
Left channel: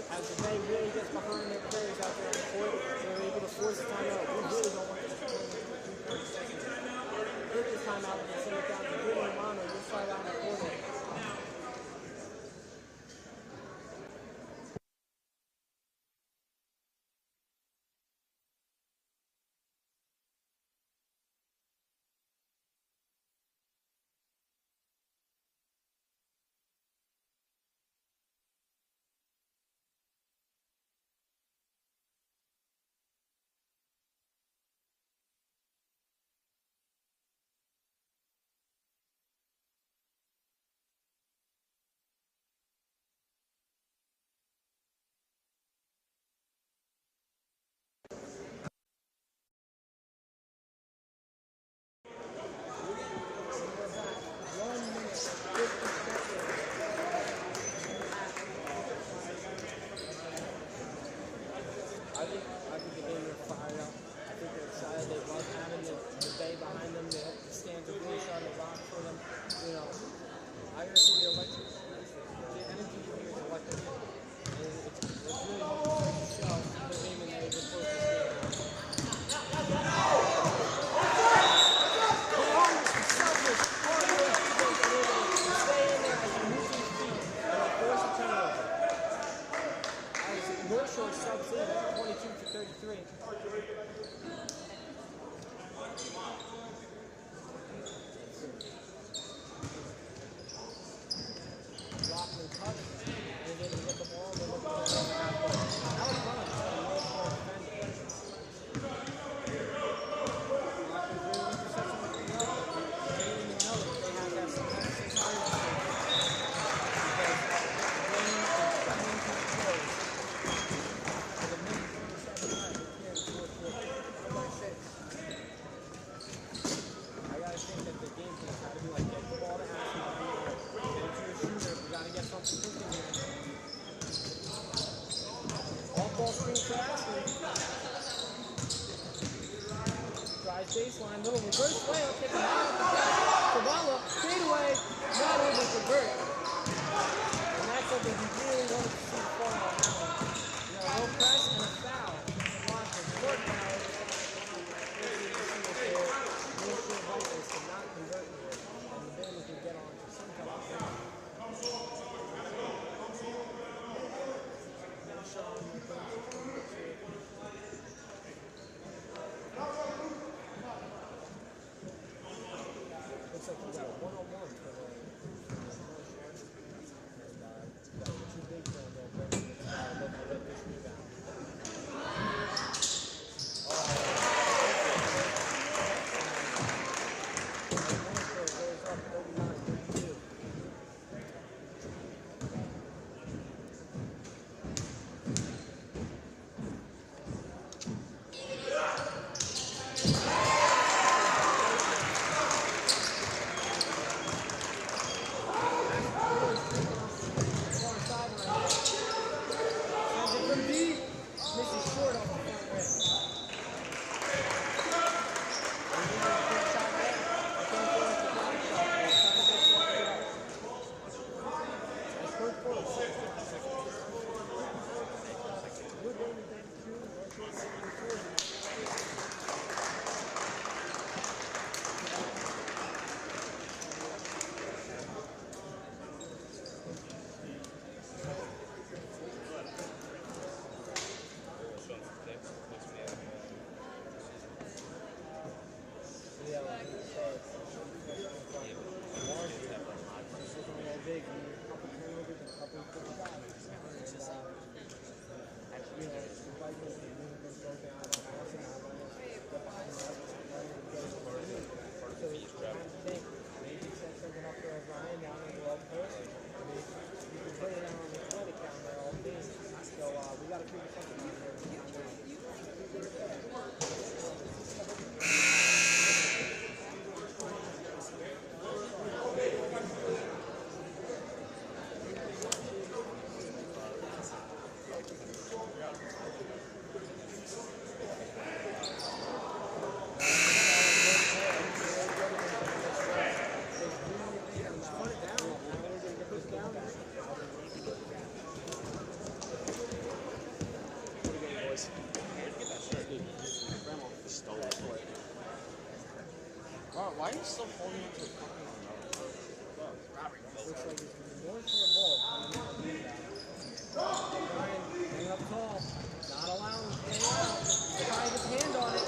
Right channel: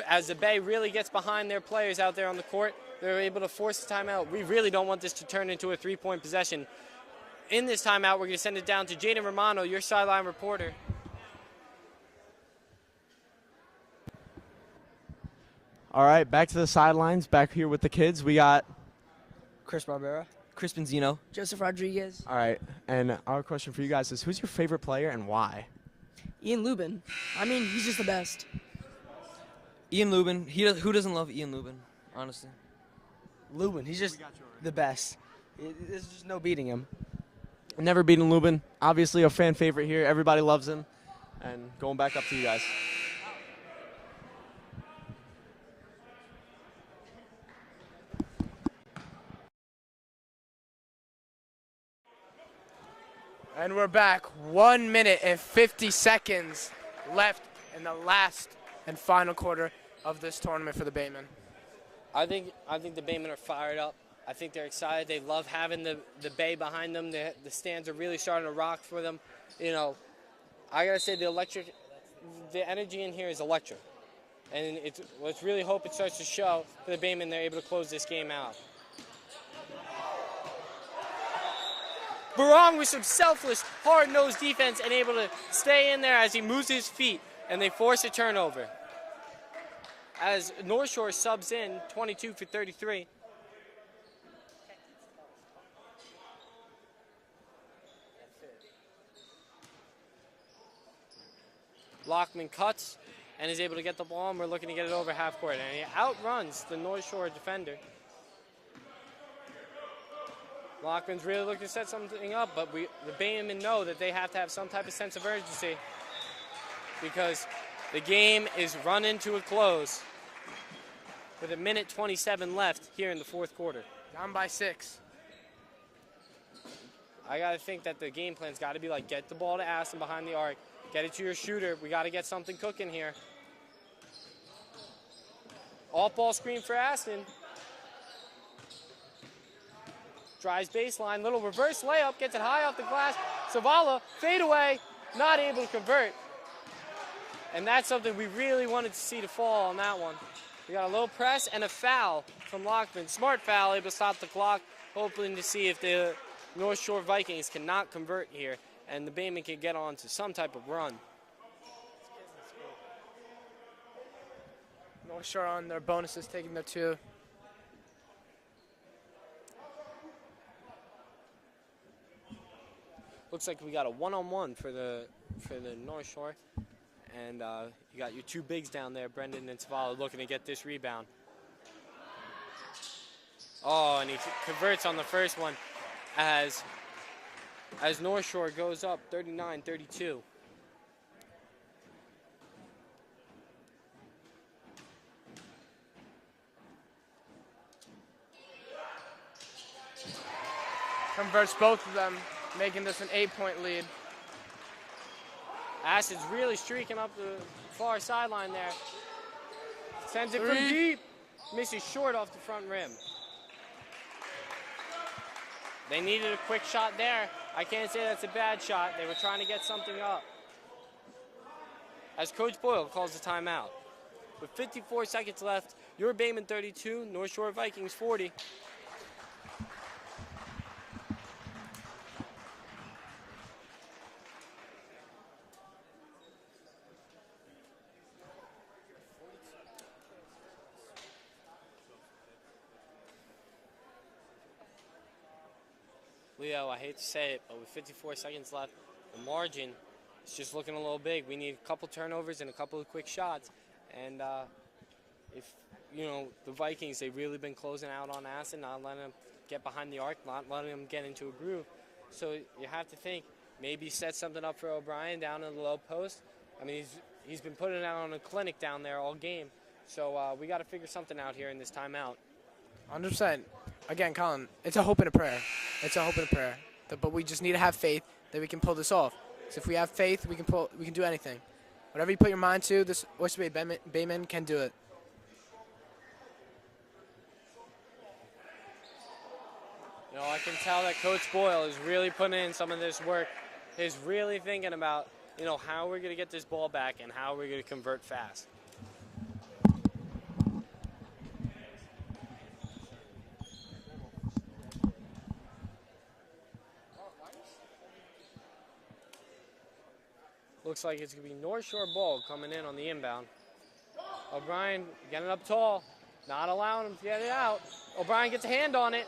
As the Bay really gets behind their players out there on the court, they're able to force the timeout. We really don't want this to turn into a three-point possession. In this timeout, we're going to send it down to Jaden Romano, your sideline reporter. All right, back to the sidelines, back here with the kids. We got Chris Barbera, Chris Benzino, Joseph Rodriguez. All right, and our question for you guys is, who's your favorite player and why? Ian Lubin. I mean, he's just the best. Ian Lubin. Who doesn't love Ian Lubin, honestly? Lubin, he's just the best. There's just no beating him. Never beaten Lubin. Obviously a fan favorite here. Everybody loves him. And going back up to you guys. And we're back. 1 minute and 50 seconds left in the last and final quarter of this tournament for the Baymen. I think the Baymen are fired up. I think they're excited. They love having the Bay behind them. The stands are really starting to rock for them. You know, I gotta say the energy in here is electric. And let's really hope it starts to show the Baymen they're able to close this game out. Barong with some selfless, hard-nosed defense and able to stay in there as he moves his feet, and they force a turnover. As North Shore subs in, 22 for 33. Lockman cuts and is able to get the ball, and we're looking to get it over half court. And he outruns the North Shore defender. Bayman know that they have to have some type of sense of urgency because the game is running to a close with 1:27 left here in the fourth quarter. Down by 6. I got to think that the game plan's got to be like, get the ball to Aston behind the arc, get it to your shooter. We got to get something cooking here. Off-ball screen for Aston. Drives baseline, little reverse layup, gets it high off the glass. Zavala, fade away, not able to convert. And that's something we really wanted to see to fall on that one. We got a low press and a foul from Lockman. Smart foul, able to stop the clock, hoping to see if the North Shore Vikings cannot convert here and the Bayman can get on to some type of run. North Shore on their bonuses, taking the 2. Looks like we got a one-on-one for the North Shore. And you got your 2 bigs down there, Brendan and Zavala, looking to get this rebound. Oh, and he converts on the first one as North Shore goes up 39-32. Converts both of them, making this an 8-point lead. Aston's really streaking up the far sideline there. Sends it from deep. Misses short off the front rim. They needed a quick shot there. I can't say that's a bad shot. They were trying to get something up. As Coach Boyle calls the timeout. 54 seconds left. Your Bayman 32, North Shore Vikings 40. Leo, I hate to say it, but with 54 seconds left, the margin is just looking a little big. We need a couple turnovers and a couple of quick shots. And, you know, the Vikings, they've really been closing out on Aston, not letting them get behind the arc, not letting them get into a room. So you have to think, maybe set something up for O'Brien down in the love post. I mean, he's been putting out on a clinic down there all game. So we got to figure something out here in this timeout. 100%. Again, Colin, it's a hope and a prayer. It's a hope and a prayer. But we just need to have faith that we can pull this off. So if we have faith, we can do anything. Whatever you put your mind to, this Oyster Bay Bayman can do it. I can tell that Coach Boyle is really putting in some of this work. Is really thinking about, you know, how we're going to get this ball back and how we're going to convert fast. Why are you still holding on to the Looks like it's going to be North Shore ball coming in on the inbound. O'Brien getting up tall, not allowing him to get it out. O'Brien gets a hand on it.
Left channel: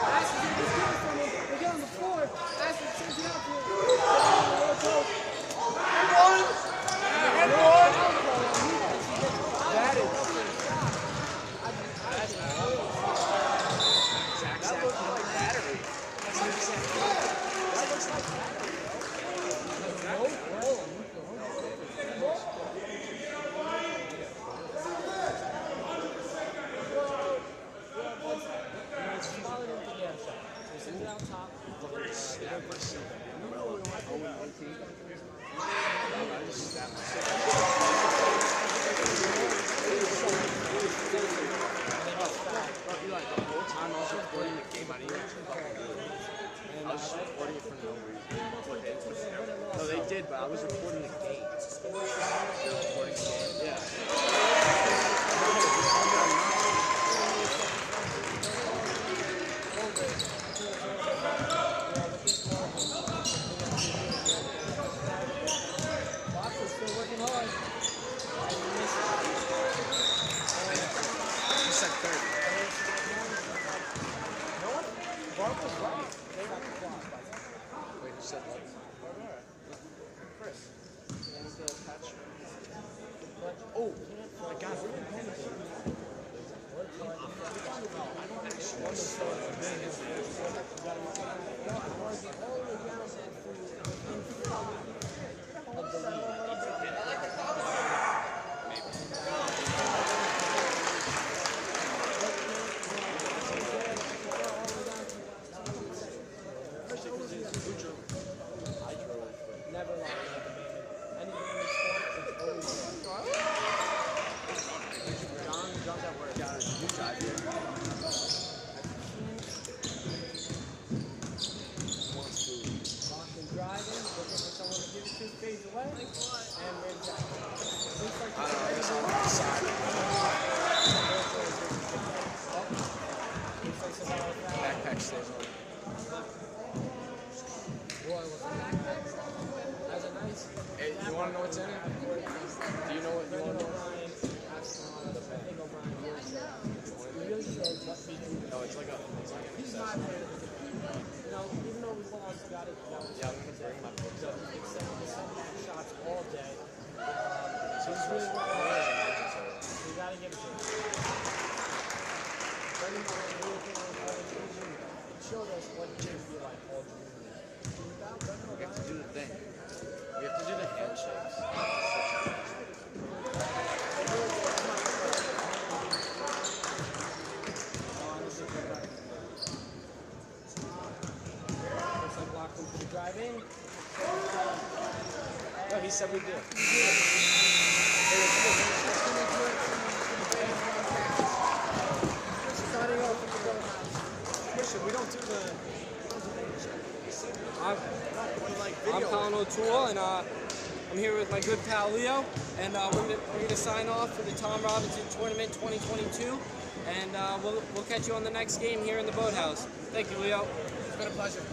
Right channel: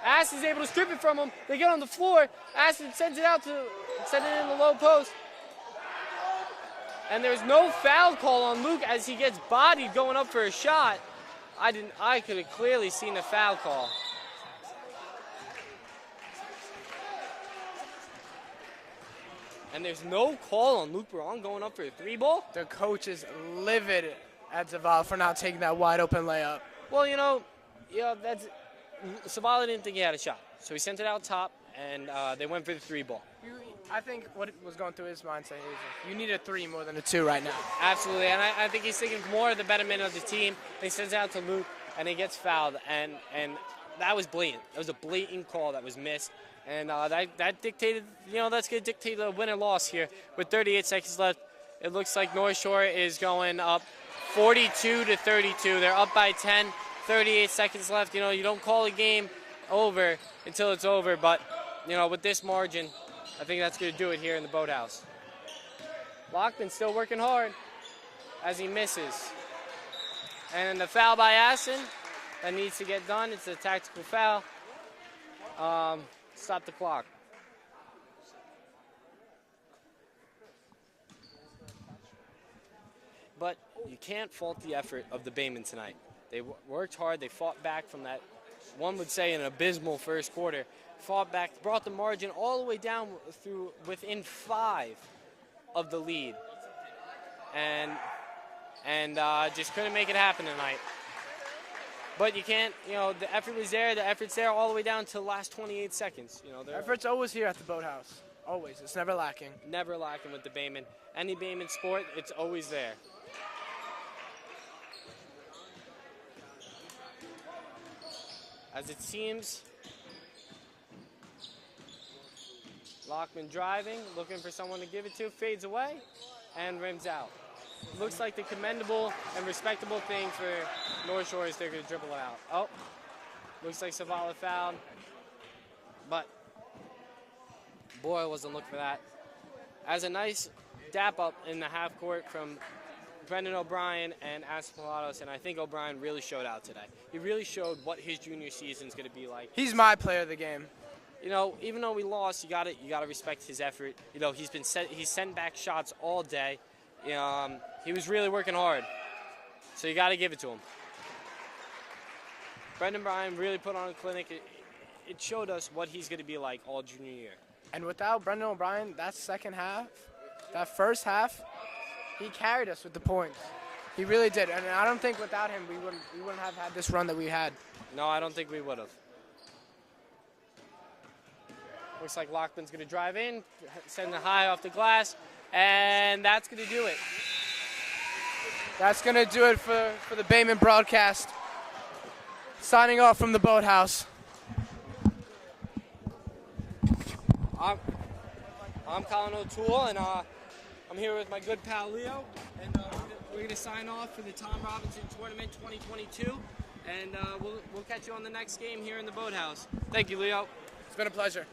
Aston's able to strip it from him. They get on the floor. Aston sends it out to the low post. And there's no foul call on Luke as he gets bodied going up for a shot. I could have clearly seen the foul call. And there's no call on Luke Wrong going up for a 3-ball. The coach is livid at Zavala for not taking that wide open layup. Well, Zavala didn't think he had a shot, so he sent it out top, and they went for the 3-ball. I think what was going through his mindset, you need a 3 more than a 2 right now. Absolutely, and I think he's thinking more of the betterment of the team. He sends out to Luke, and he gets fouled, and that was blatant. It was a blatant call that was missed, and that dictated, that's going to dictate the win or loss here. With 38 seconds left, it looks like North Shore is going up 42 to 32. They're up by 10, 38 seconds left. You don't call a game over until it's over, but with this margin, I think that's going to do it here in the Boathouse. Lockman's still working hard as he misses. And the foul by Aston that needs to get done is a tactical foul. Stop the clock. But you can't fault the effort of the Bayman tonight. They worked hard, they fought back from that, one would say, an abysmal first quarter. Fought back, brought the margin all the way down through within 5 of the lead, and just couldn't make it happen tonight. But you can't, the effort is there. The effort's there all the way down to the last 28 seconds. Effort's always here at the Boathouse. Always. It's never lacking. Never lacking at the Bayman. Any Bayman sport, it's always there. As it seems, Lockman driving, looking for someone to give it to, fades away, and rims out. Looks like a commendable, respectable thing for North Shore is they're going to triple it out. Oh, looks like Savala foul. But Roy wasn't looking for that. As a nice dap up in the half court from Brendan O'Brien and Ascalados, and I think O'Brien really showed out today. He really showed what his junior season is going to be like. He's my player of the game. Even though we lost, you gotta respect his effort. He's sent back shots all day. He was really working hard, so you gotta give it to him. Brendan Bryan really put on a clinic. It showed us what he's going to be like all junior year. And without Brendan O'Brien, that second half, that first half, he carried us with the point. He really did. And I don't think without him, we wouldn't have had this run that we had. No, I don't think we would have. Looks like Lockman's going to drive in, setting the high off the glass, and that's going to do it. That's going to do it for the Bayman broadcast. Signing off from the Boathouse. I'm Colin O'Toole, and I'm here with my good pal Leo, and we're gonna sign off for the Tom Robinson Tournament 2022, and we'll catch you on the next game here in the Boathouse. Thank you, Leo. It's been a pleasure.